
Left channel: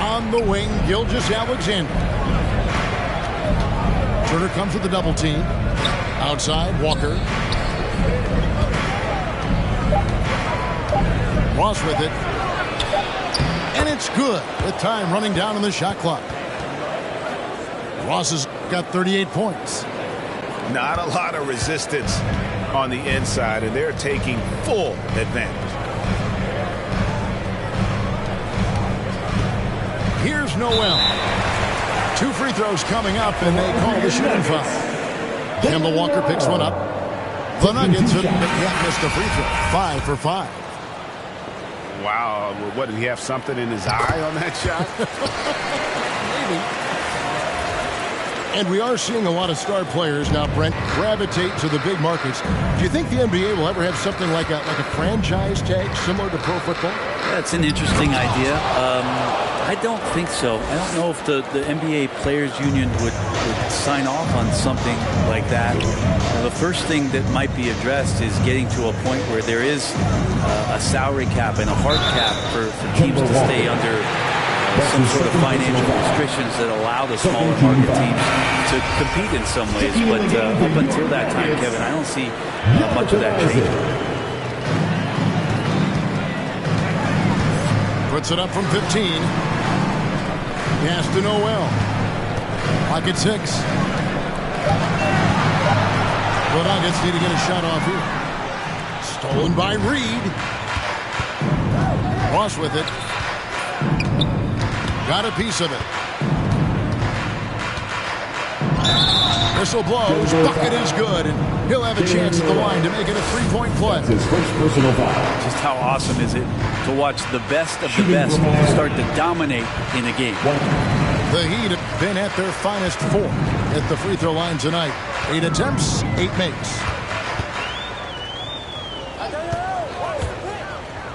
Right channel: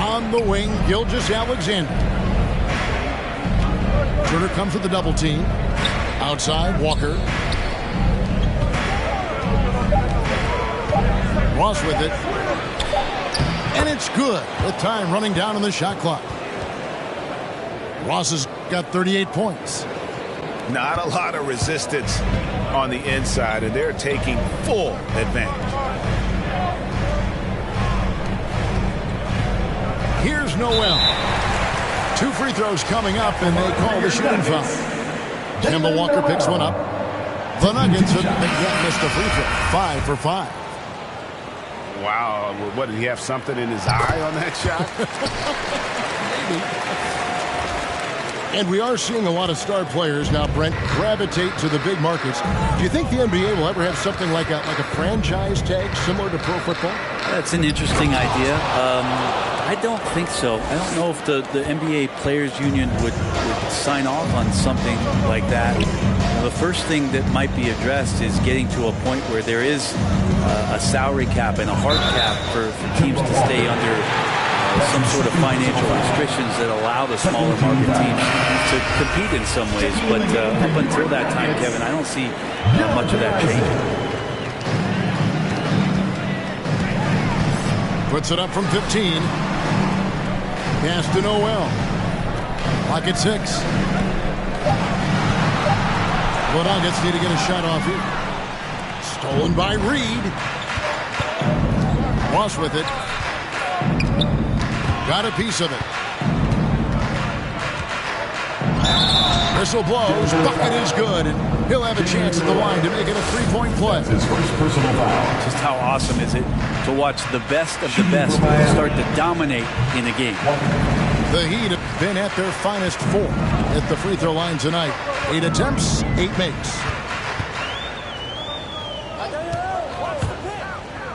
On the wing, Gilgeous-Alexander. Turner comes with the double team. Outside, Walker. Ross with it. And it's good with time running down on the shot clock. Ross has got 38 points. Not a lot of resistance on the inside, and they're taking full advantage. Here's Noel. 2 free throws coming up, and they call the shooting foul. Kemba Walker picks one up. The Nuggets have yet missed a free throw. 5 for 5. Wow, what, did he have something in his eye on that shot? Maybe. And we are seeing a lot of star players now, Brent, gravitate to the big markets. Do you think the NBA will ever have something like a franchise tag similar to pro football? That's an interesting idea. I don't think so. I don't know if the NBA Players Union would sign off on something like that. The first thing that might be addressed is getting to a point where there is a salary cap and a hard cap for teams to stay under some sort of financial restrictions that allow the smaller market teams to compete in some ways. But up until that time, Kevin, I don't see much of that changing. Puts it up from 15. Pass to Noel. Clock at 6. The Nuggets need to get a shot off here. Stolen by Reed. Ross with it. Got a piece of it. Whistle blows. Bucket is good. And he'll have a chance at the line to make it a 3-point play. His first personal foul. Just how awesome is it to watch the best of the best start to dominate in a game. The Heat have been at their finest 4 at the free throw line tonight. 8 attempts, 8 makes.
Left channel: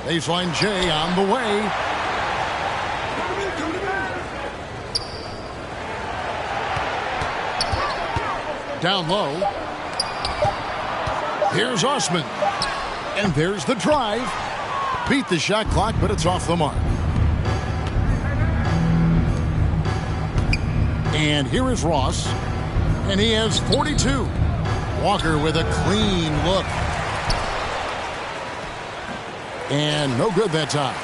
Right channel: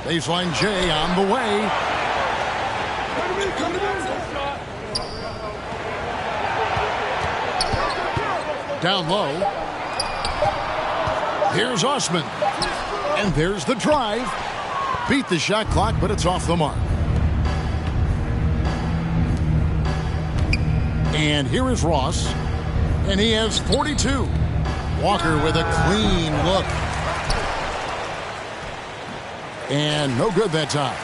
Baseline J on the way. Down low. Here's Osman. And there's the drive. Beat the shot clock, but it's off the mark. And here is Ross. And he has 42. Walker with a clean look. And no good that time.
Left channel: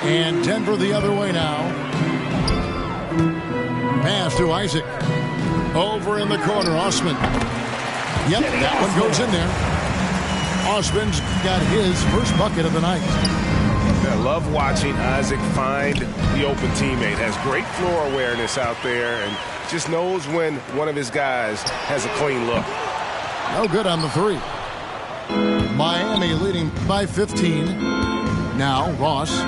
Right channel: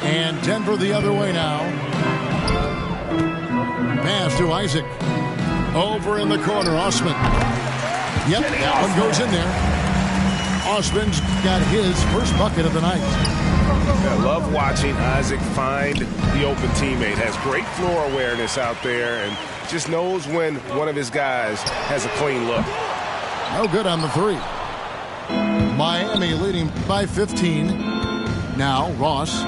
And Denver the other way now. Pass to Isaac. Over in the corner, Osman. Yep, that one goes in there. Osman's got his first bucket of the night. I love watching Isaac find the open teammate. Has great floor awareness out there and just knows when one of his guys has a clean look. No good on the three. Miami leading by 15. Now Ross.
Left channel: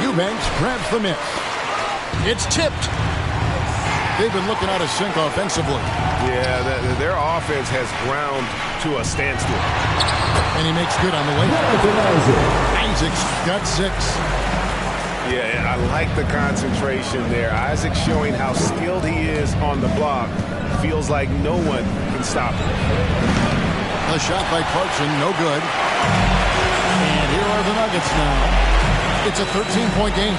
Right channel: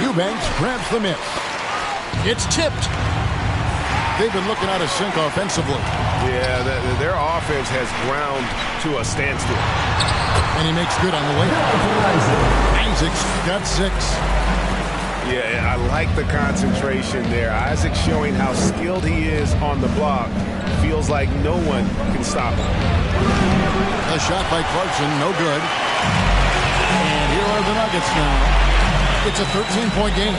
Eubanks grabs the miss. It's tipped. They've been looking out of sync offensively. Yeah, their offense has ground to a standstill. And he makes good on the way. Isaac's got 6. Yeah, I like the concentration there. Isaac showing how skilled he is on the block. Feels like no one can stop him. A shot by Clarkson, no good. And here are the Nuggets now. It's a 13-point game.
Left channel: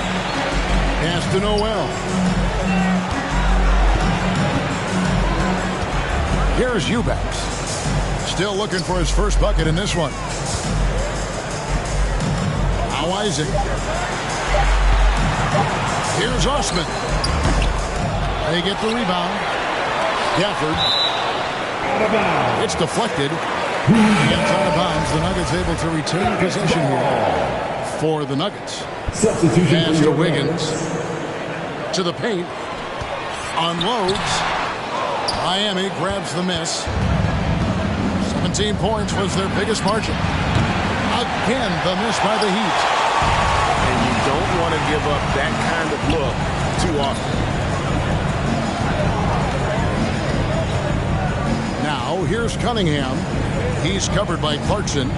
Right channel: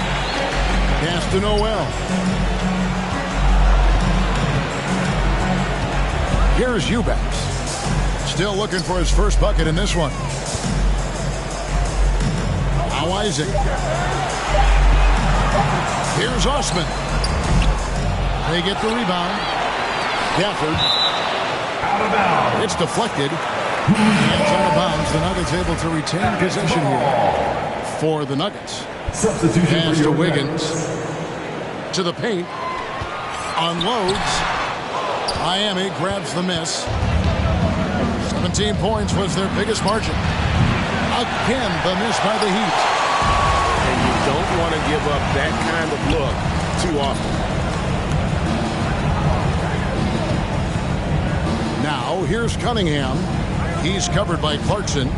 Pass to Noel. Here's Eubanks. Still looking for his first bucket in this one. Now Isaac. Here's Osman. They get the rebound. Gafford. Out of bounds. It's deflected. Hands out of bounds. The Nuggets able to retain possession here for the Nuggets. Substitution Pass to Wiggins. To the paint. Unloads. Miami grabs the miss. 17 points was their biggest margin. Again, the miss by the Heat. And you don't want to give up that kind of look too often. Now, here's Cunningham. He's covered by Clarkson.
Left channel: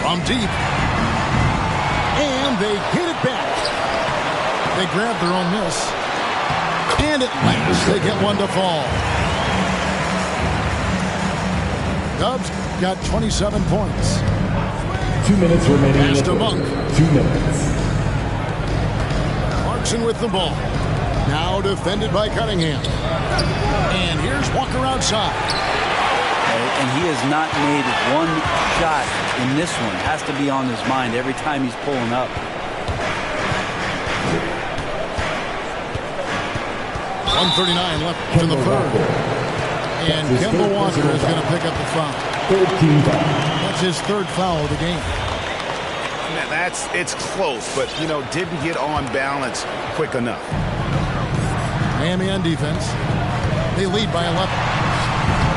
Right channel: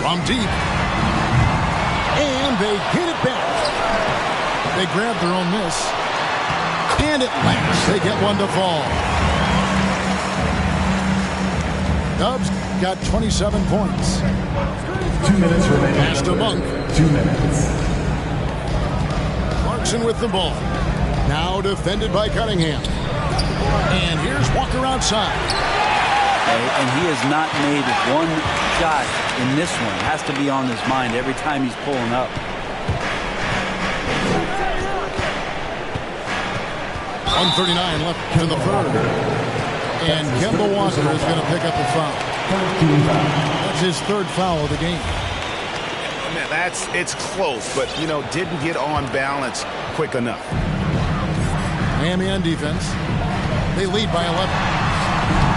From deep. And they get it back. They grab their own miss. And at last, they get one to fall. Dubs got 27 points. 2 minutes remaining. Pass to Monk. 2 minutes. Clarkson with the ball. Now defended by Cunningham. And here's Walker outside. And he has not made one shot in this one. Has to be on his mind every time he's pulling up. 1:39 left in the third. And Kemba Walker is going to pick up the foul. 13 foul. That's his third foul of the game. Man, it's close, but, didn't get on balance quick enough. Miami on defense. They lead by 11.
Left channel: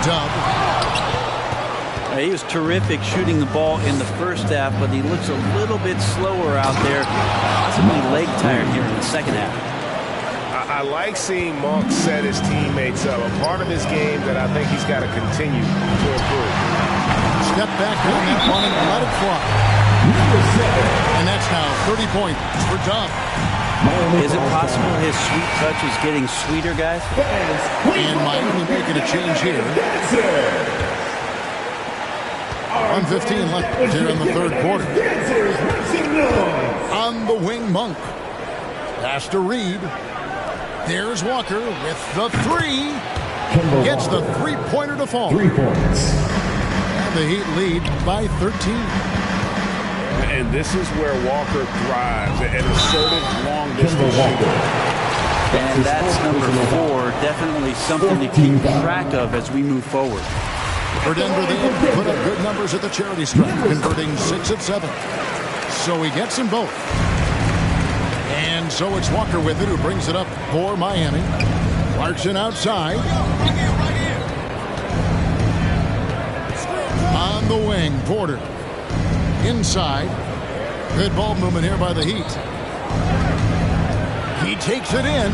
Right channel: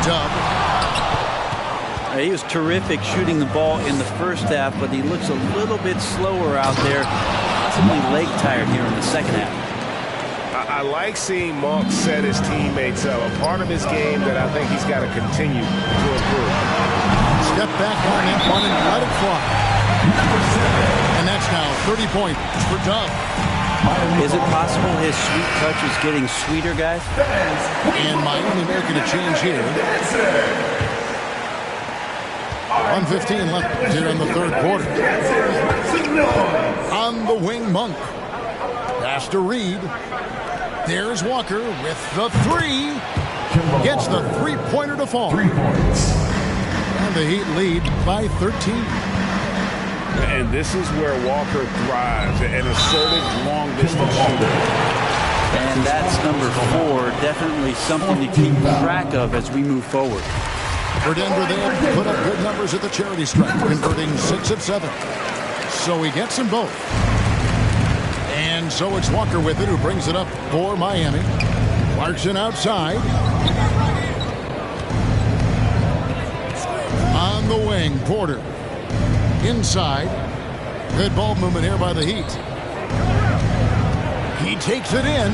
Dub. He was terrific shooting the ball in the first half, but he looks a little bit slower out there, possibly leg tired here in the second half. I like seeing Monk set his teammates up. A part of his game that I think he's got to continue to improve. Step back on that one and let it fly. And that's now 30 points for Dub. Is it possible his sweet touch is getting sweeter, guys? And Miami making a change here. 1:15 left here in the third quarter. On the wing, Monk. Pass to Reed. There's Walker with the three. Gets the three-pointer to fall. 3 points. And the Heat lead by 13. And this is where Walker thrives, an assertive long-distance shooter. And that's number 4, definitely something to keep track of as we move forward. For Denver, they have put up good numbers at the charity stripe, converting 6 of 7. So he gets them both. And so it's Walker with it who brings it up for Miami. Clarkson outside. On the wing, Porter. Inside. Good ball movement here by the Heat. He takes it in.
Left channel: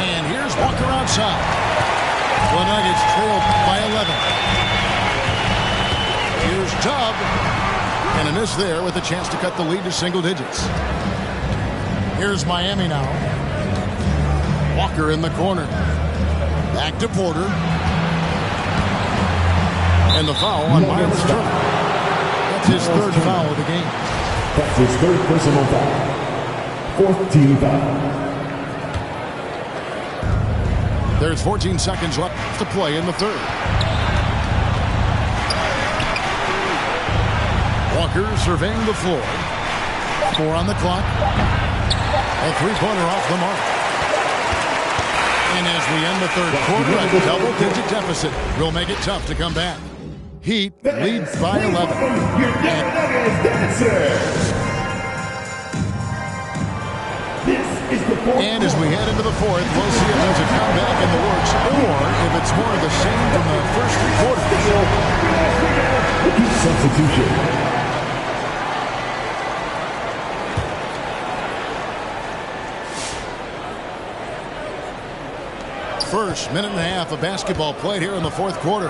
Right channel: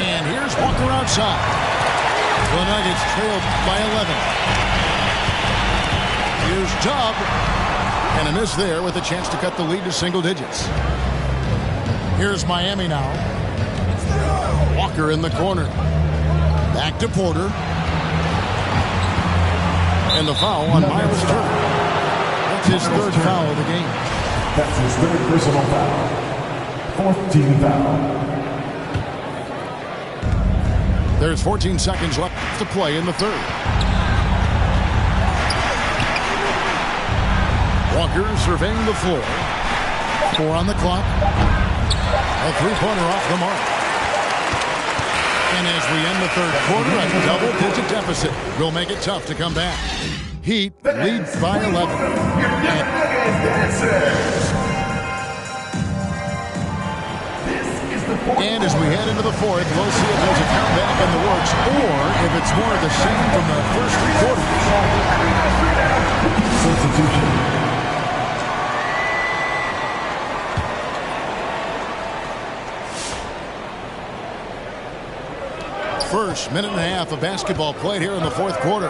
And here's Walker outside. The Nuggets trailed by 11. Here's Dub. And a miss there with a chance to cut the lead to single digits. Here's Miami now. Walker in the corner. Back to Porter. And the foul on Miles Turner. That's his third foul of the game. That's his third personal foul. 4th team foul. There's 14 seconds left to play in the third. Walker surveying the floor. 4 on the clock. A three-pointer off the mark. And as we end the third quarter, a double-digit deficit will make it tough to come back. Heat lead by 11. And as we head into the fourth, we'll see if there's a comeback in the works or if it's more of the same from the first three quarters. Substitution. First minute and a half of basketball played here in the fourth quarter.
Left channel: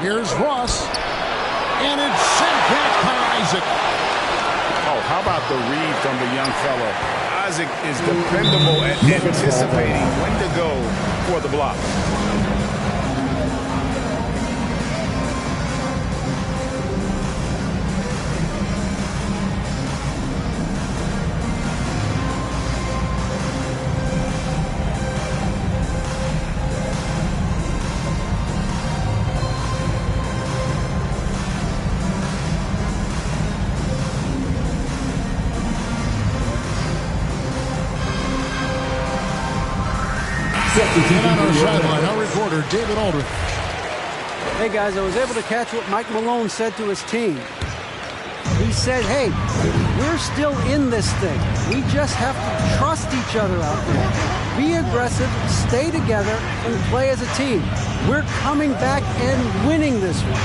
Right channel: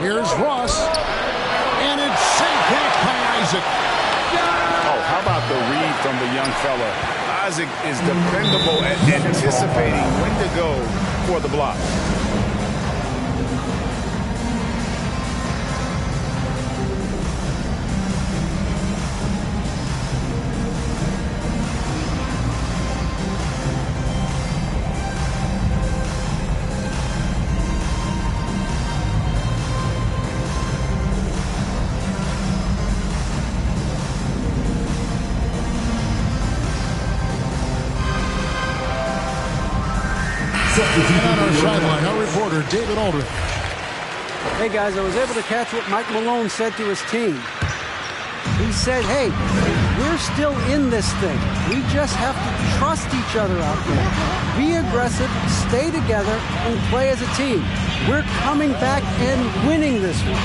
Here's Ross. And it's sent back by Isaac. Oh, how about the read from the young fella? Isaac is dependable at anticipating when to go for the block. And on our sideline, our reporter, David Aldrich. Hey, guys, I was able to catch what Mike Malone said to his team. He said, hey, we're still in this thing. We just have to trust each other out there. Be aggressive, stay together, and play as a team. We're coming back and winning this one.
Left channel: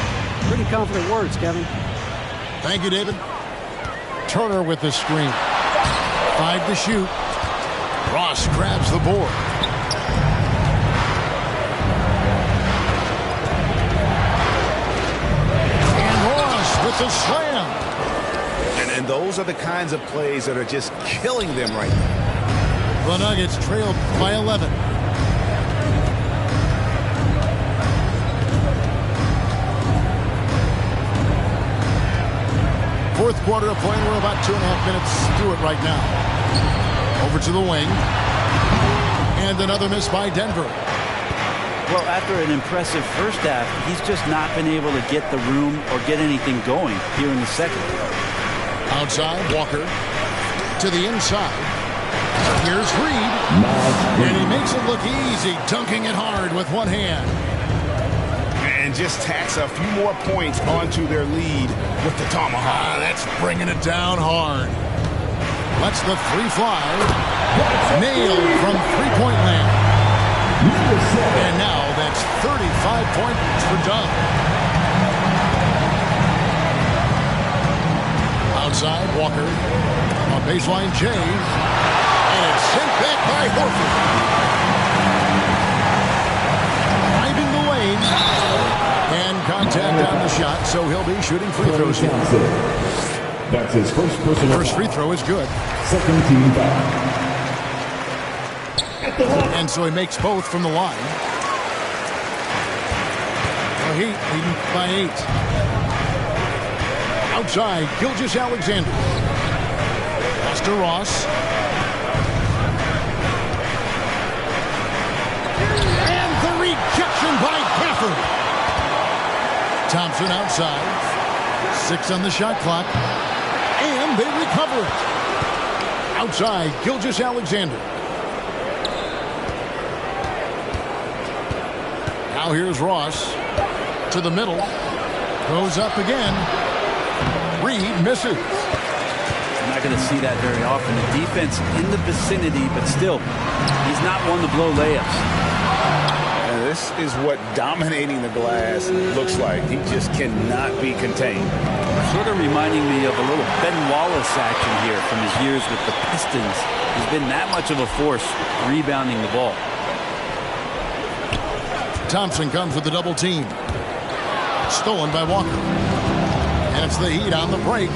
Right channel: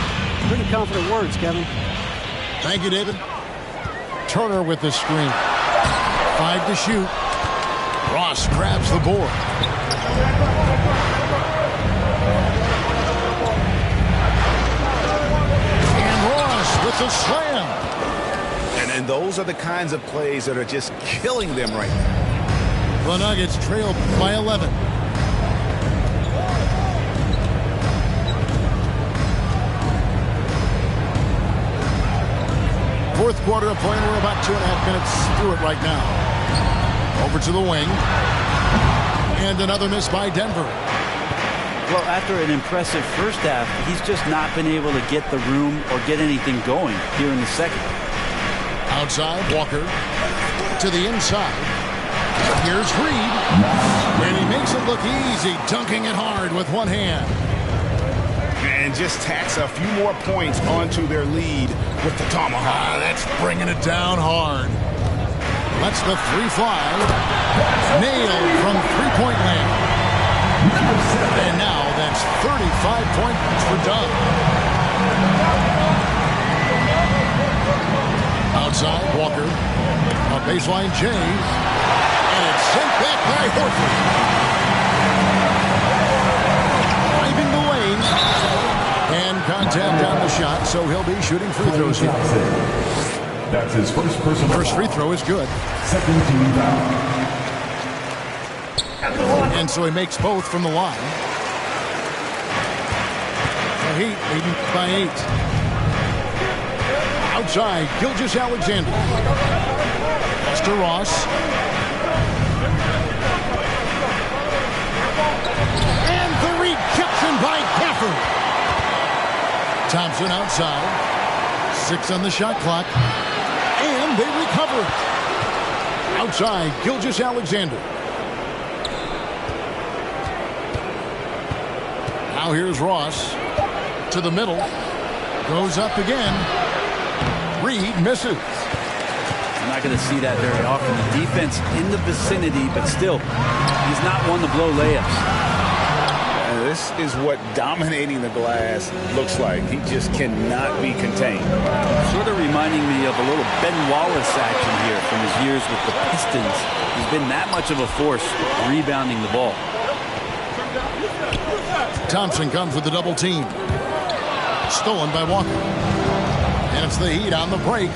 Pretty confident words, Kevin. Thank you, David. Turner with the screen. 5 to shoot. Ross grabs the board. With the slam. And those are the kinds of plays that are just killing them right now. The Nuggets trailed by 11. Fourth quarter of play, and we're about 2.5 minutes through it right now. Over to the wing. And another miss by Denver. Well, after an impressive first half, he's just not been able to get the room or get anything going here in the second. Outside, Walker to the inside. Here's Reed. And he makes it look easy, dunking it hard with one hand. And just tacks a few more points onto their lead with the tomahawk. That's bringing it down hard. Lets the three fly. Nailed from three-point land. And now that's 35 points for Doug. Outside, Walker. On baseline, Jay. And it's sent back by Horford. Driving the lane. And contact on the shot, so he'll be shooting free throws here. That's his first personal. First free throw is good. Second team foul. And so he makes both from the line. The Heat leading by 8. Outside, Gilgeous-Alexander. Pass to Ross. And the rejection by Gafford. Thompson outside. 6 on the shot clock. And they recover it. Outside, Gilgeous-Alexander. Now here's Ross to the middle. Goes up again. Reed misses. We're not going to see that very often. The defense in the vicinity, but still, he's not one to blow layups. And this is what dominating the glass looks like. He just cannot be contained. Sort of reminding me of a little Ben Wallace action here from his years with the Pistons. He's been that much of a force rebounding the ball. Thompson comes with the double team. Stolen by Walker. And it's the Heat on the break.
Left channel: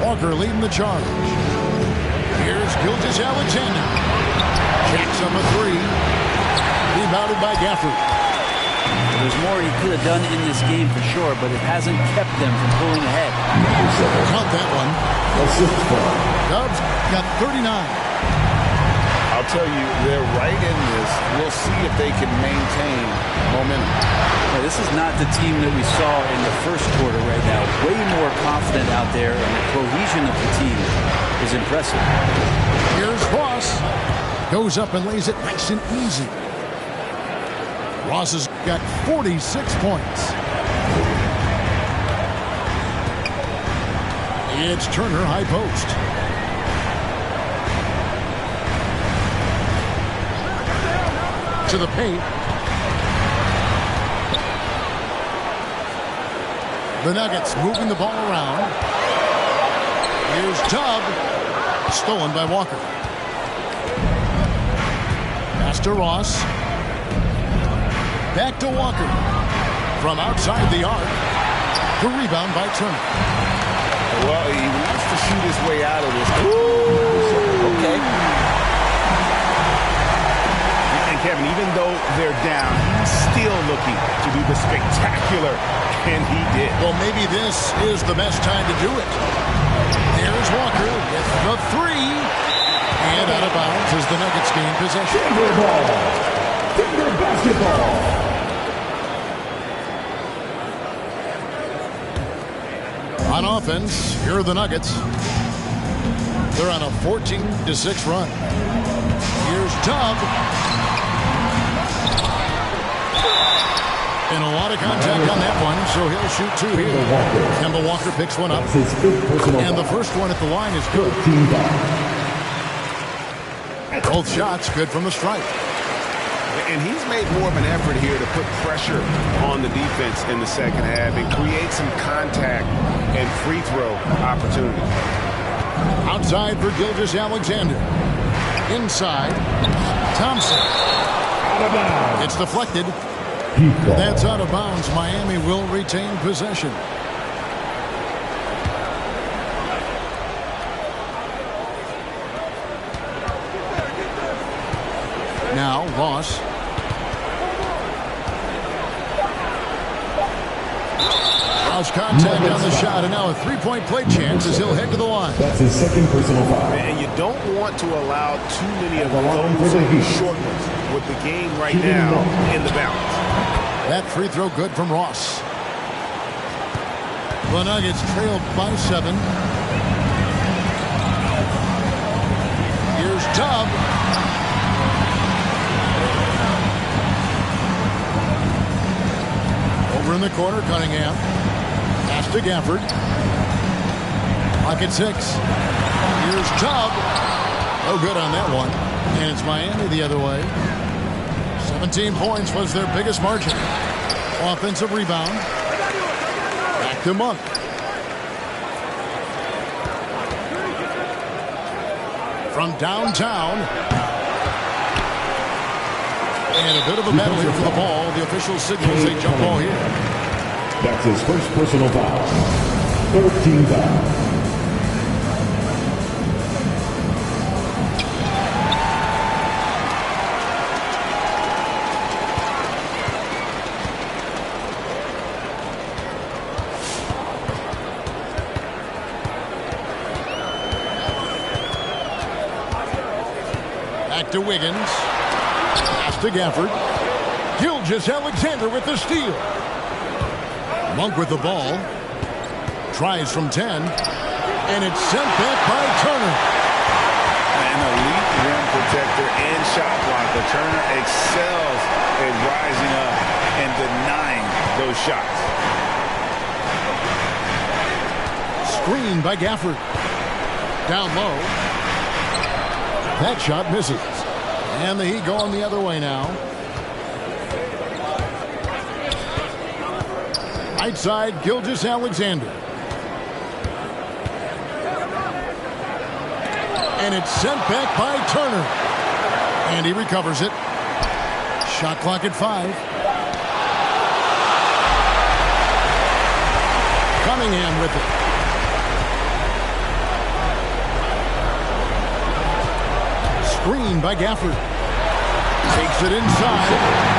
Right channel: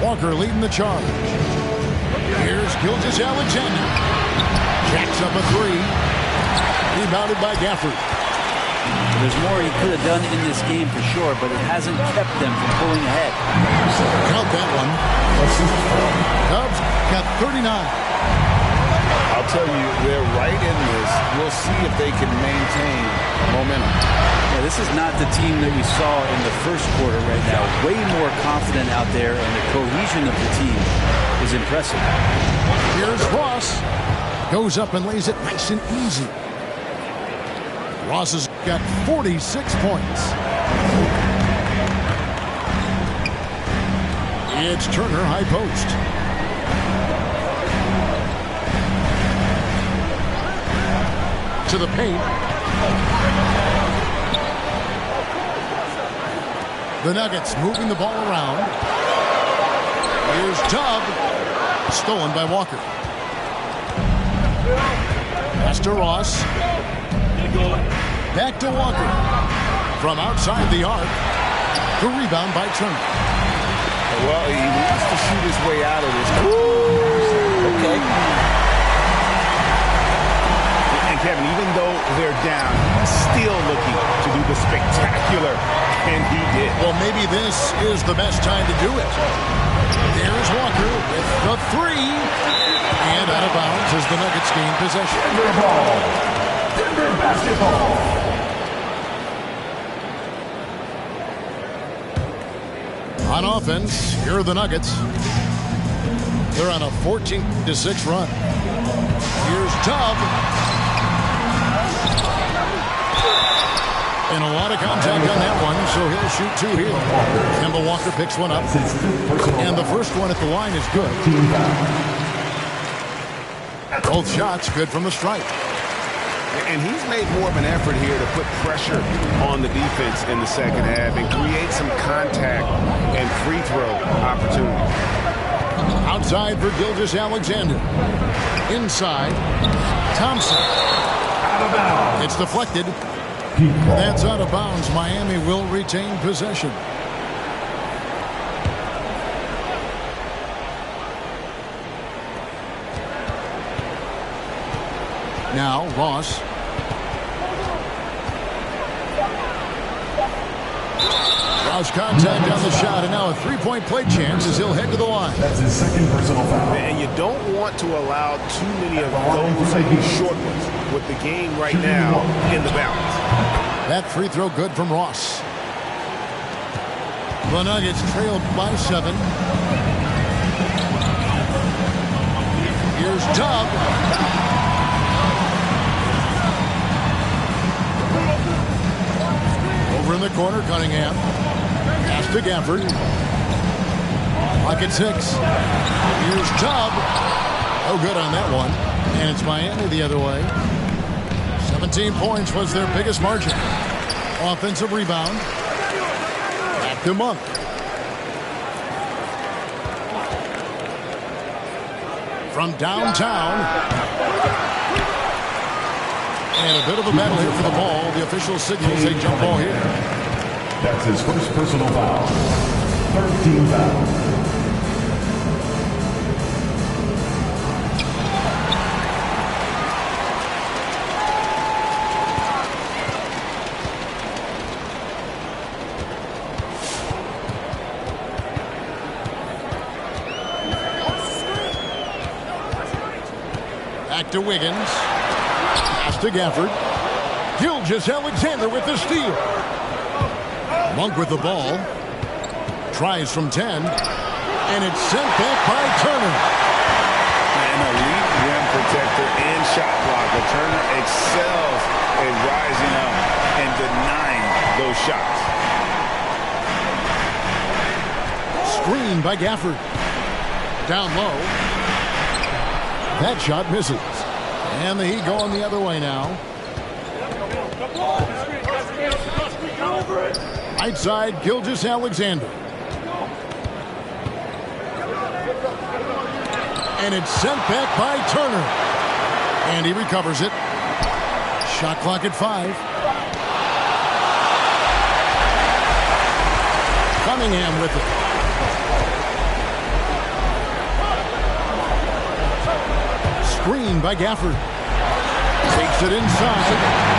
Walker leading the charge. Here's Gilgeous-Alexander. Jacks up a three. Rebounded by Gafford. There's more he could have done in this game for sure, but it hasn't kept them from pulling ahead. Count that one. Dubs got 39. I'll tell you, they're right in this. We'll see if they can maintain momentum. Yeah, this is not the team that we saw in the first quarter right now. Way more confident out there, and the cohesion of the team is impressive. Here's Ross. Goes up and lays it nice and easy. Ross has got 46 points. It's Turner high post. to the paint. The Nuggets moving the ball around. Here's Tubb. Stolen by Walker. Pass to Ross. Back to Walker. From outside the arc. The rebound by Turner. Well, he wants to shoot his way out of this. Okay. And Kevin, even though they're down, he's still looking to do the spectacular, and he did. Well, maybe this is the best time to do it. There's Walker with the three. And out of bounds as the Nuggets gain possession. Denver ball. Denver basketball. On offense, here are the Nuggets. They're on a 14-6 run. Here's Tubb. And a lot of contact on that one, so he'll shoot two here. Kemba Walker picks one up. And the first one at the line is good. Both shots good from the stripe. And he's made more of an effort here to put pressure on the defense in the second half and create some contact and free throw opportunity. Outside for Gilgeous-Alexander. Inside, Thompson. Out of bounds. It's deflected. That's out of bounds. Miami will retain possession. Now Ross. Ross contact on the shot, and now a three-point play chance as he'll head to the line. That's his second personal foul. And you don't want to allow too many of those short ones with the game right now in the balance. That free throw good from Ross. The Nuggets trailed by 7. Here's Tubb. Over in the corner, Cunningham. Pass to Gafford. Pocket 6. Here's Tubb. No good on that one. And it's Miami the other way. 17 points was their biggest margin. Offensive rebound. Back to Monk. From downtown. And a bit of a battle here for the ball. The official signals a jump ball here. That's his first personal foul. Third team foul. Back to Wiggins. Pass to Gafford. Gilgeous-Alexander with the steal. Monk with the ball. Tries from 10. And it's sent back by Turner. An elite rim protector and shot blocker. Turner excels at rising up and denying those shots. Screen by Gafford. Down low. That shot misses. And the Heat going the other way now. Right side, Gilgeous-Alexander. And it's sent back by Turner. And he recovers it. Shot clock at 5. Cunningham with it. Screen by Gafford. Takes it inside.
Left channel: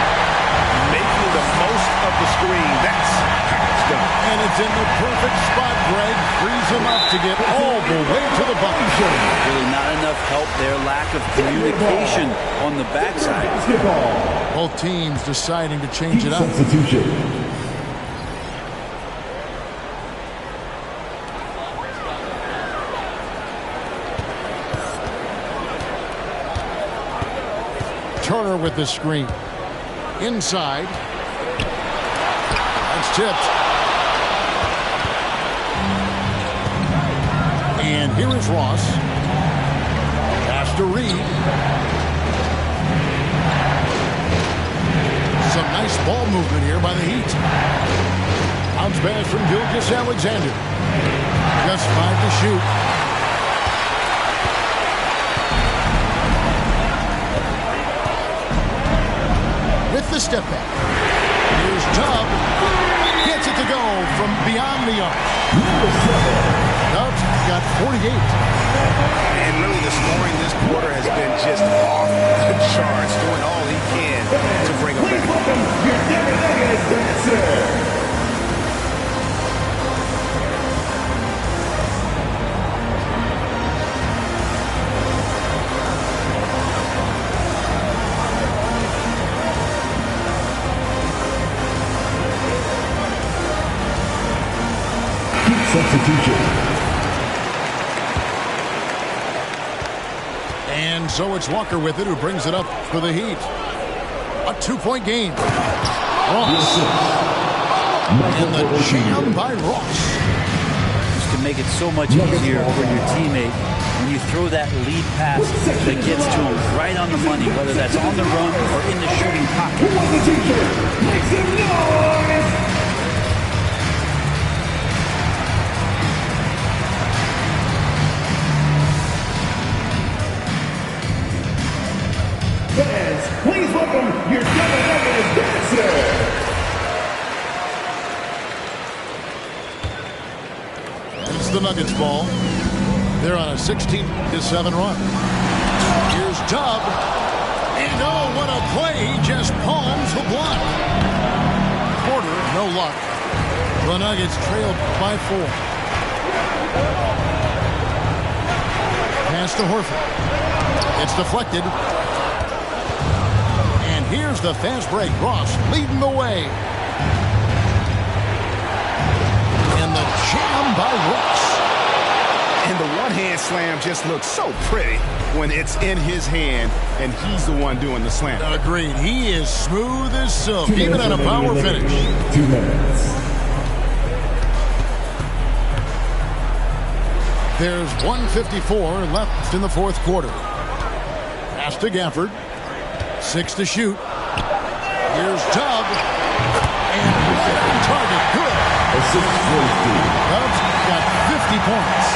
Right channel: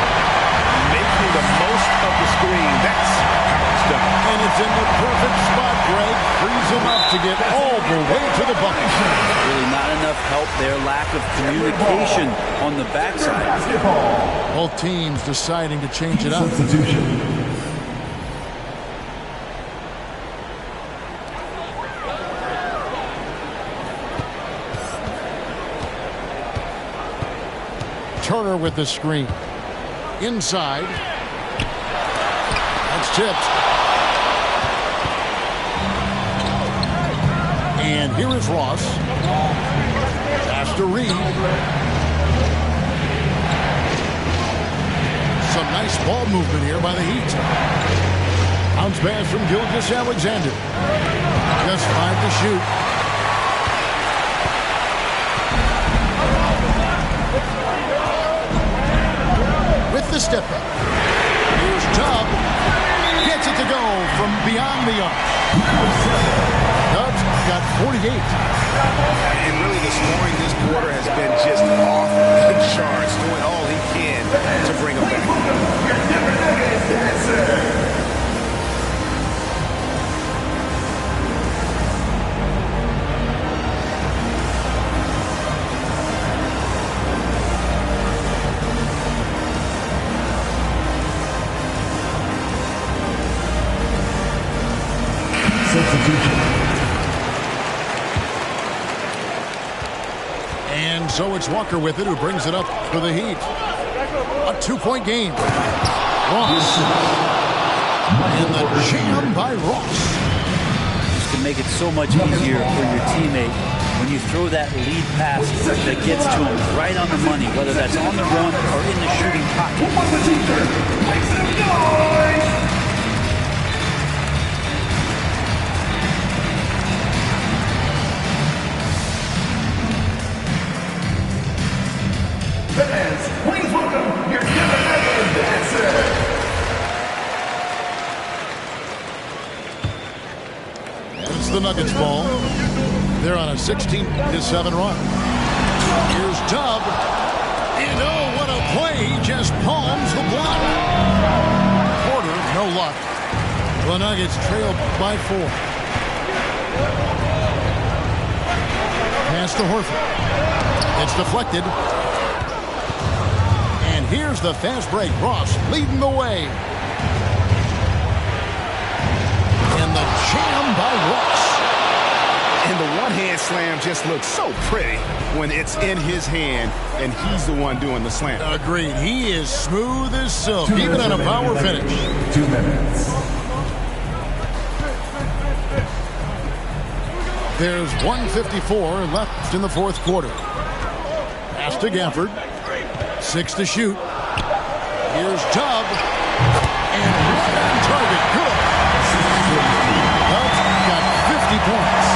Making the most of the screen. That's how it's done. And it's in the perfect spot, Greg. Frees him up to get all the way to the bucket. Really not enough help there. Lack of communication on the backside. Both teams deciding to change it up. Substitution. Turner with the screen. Inside. That's tipped. And here is Ross. Pass to Reed. Some nice ball movement here by the Heat. Bounce pass from Gilgeous-Alexander. Just 5 to shoot. With the step back. Here's Tubb. Gets it to go from beyond the arc. Tubbs got 48. And really the scoring this quarter has been just off the charts, doing all he can to bring them back. Substitution. And so it's Walker with it, who brings it up for the Heat. A 2-point game. Ross. And the jam by Ross. Just to make it so much easier for your teammate when you throw that lead pass that gets to him right on the money, whether that's on the run or in the shooting pocket. Who was the teacher? Make some noise! Fans, please welcome your Demon dancer. And it's the Nuggets ball. They're on a 16-7 run. Here's Tubb. And oh, what a play. He just palms the block. Porter, no luck. The Nuggets trailed by 4. Pass to Horford. It's deflected. And here's the fast break. Ross leading the way. And the jam by Ross. And the one-hand slam just looks so pretty when it's in his hand and he's the one doing the slam. Agreed. He is smooth as silk, even on a power finish. 2 minutes. There's 1:54 left in the fourth quarter. Pass to Gafford. 6 to shoot. Here's Tubb. And right on target. Good. Tubbs got 50 points.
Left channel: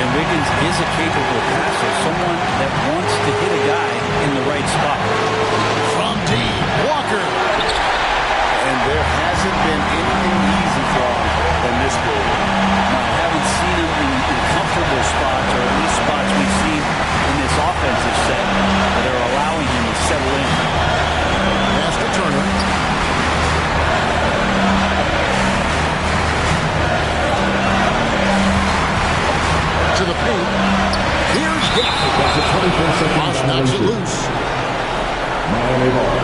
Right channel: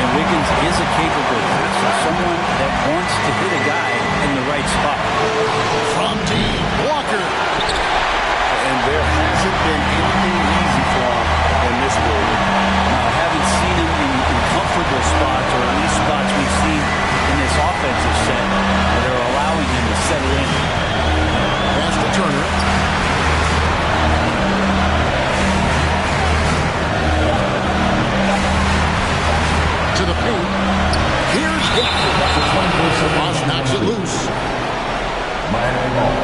And Wiggins is a capable passer, someone that wants to hit a guy in the right spot. From deep, Walker. And there hasn't been anything easy for him in this period. Now, I haven't seen him in comfortable spots, or at least spots we've seen in this offensive set that are allowing him to settle in. Pass to Turner. To the paint. Here's Gafford. Ross knocks it loose. Miami ball.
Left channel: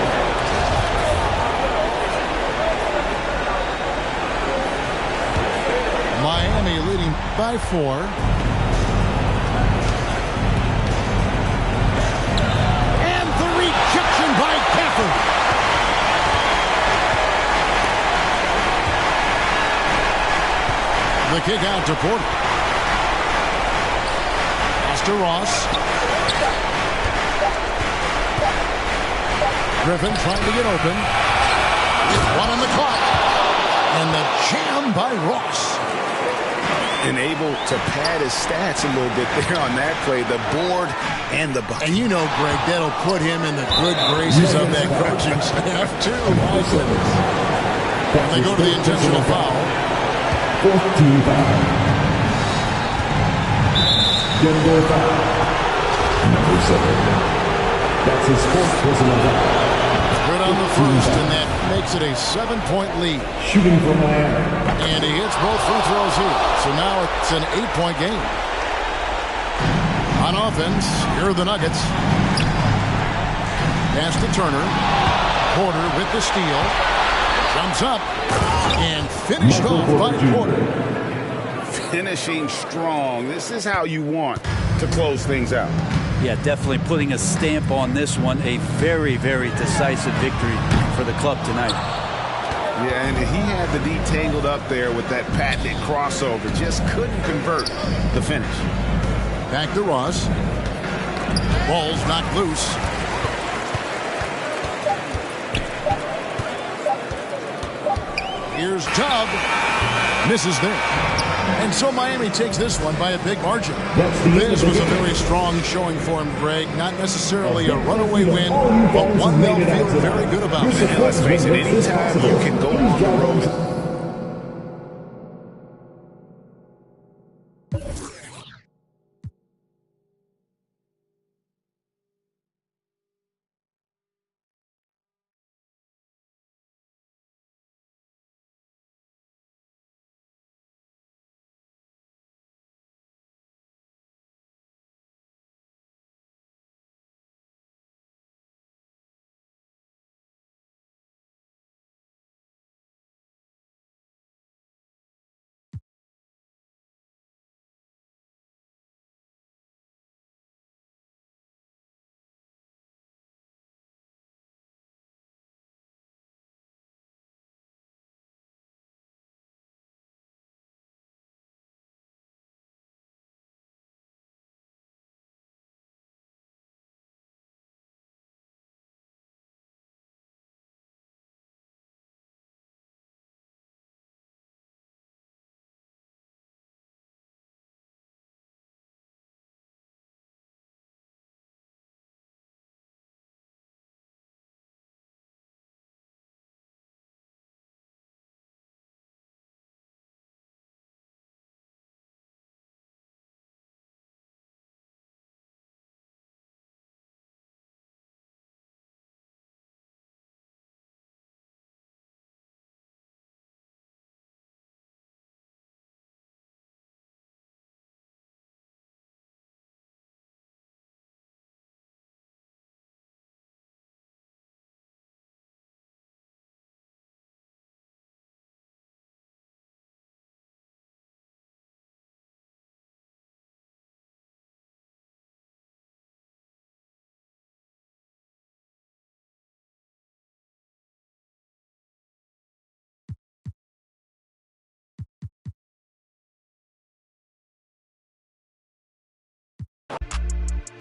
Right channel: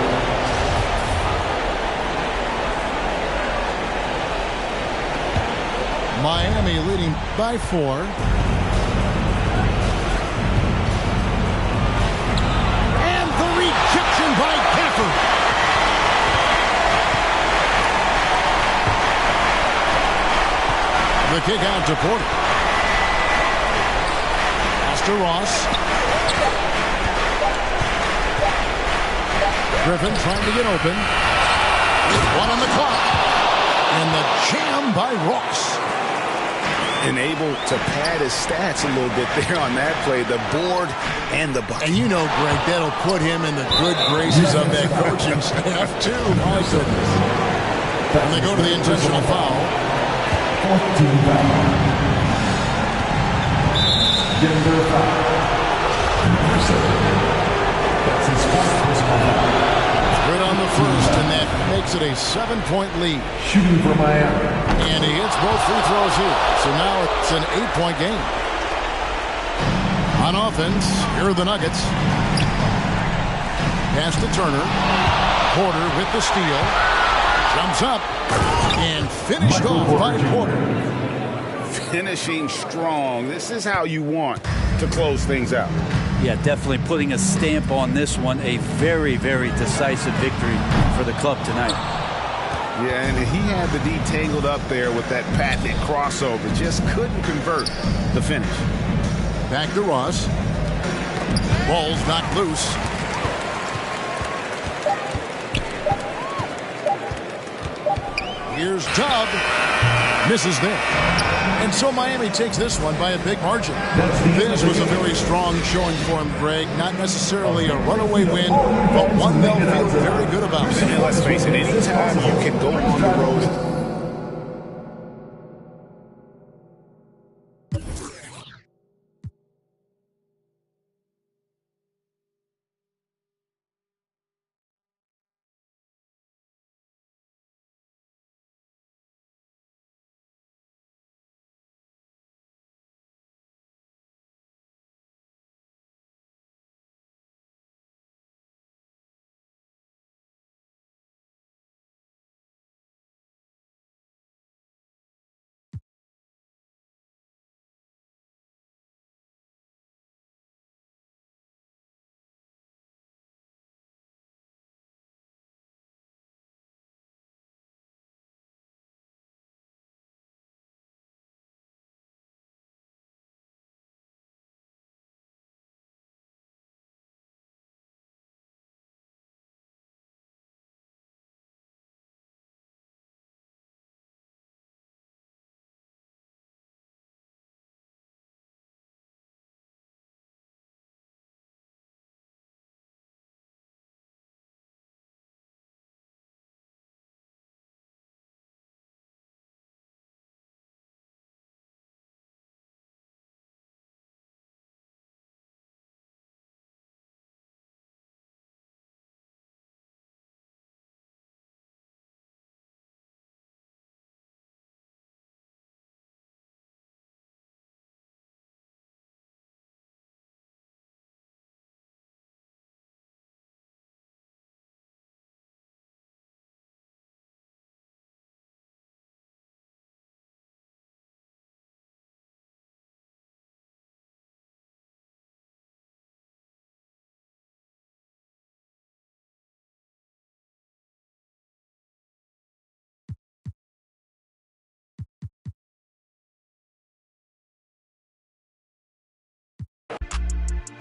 Miami leading by 4. And the rejection by Gafford. The kick out to Porter. Pass to Ross. Griffin trying to get open. With 1 on the clock. And the jam by Ross. And able to pad his stats a little bit there on that play, the board and the bucket. And you know, Greg, that'll put him in the good graces of that coaching staff, too. My goodness. And they go to the intentional foul. 14 foul. Denver foul. Number 7. That's his 4th personal foul. Good on the first, and that makes it a 7-point lead. Shooting for Miami. And he hits both free throws here. So now it's an 8-point game. On offense, here are the Nuggets. Pass to Turner. Porter with the steal. Jumps up. And finished off by Porter. Finishing strong. This is how you want to close things out. Yeah, definitely putting a stamp on this one. A very, very decisive victory for the club tonight. Yeah, and he had the D tangled up there with that patented crossover. Just couldn't convert the finish. Back to Ross. Ball's knocked loose. Here's Tubb. Misses there. And so Miami takes this one by a big margin. This was a very strong showing for him, Greg. Not necessarily a runaway win, but one they'll feel very good about. And let's face it, anytime you can go on the road.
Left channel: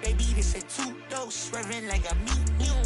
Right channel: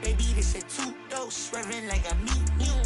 Baby, this a two-dose, swerving like a meat.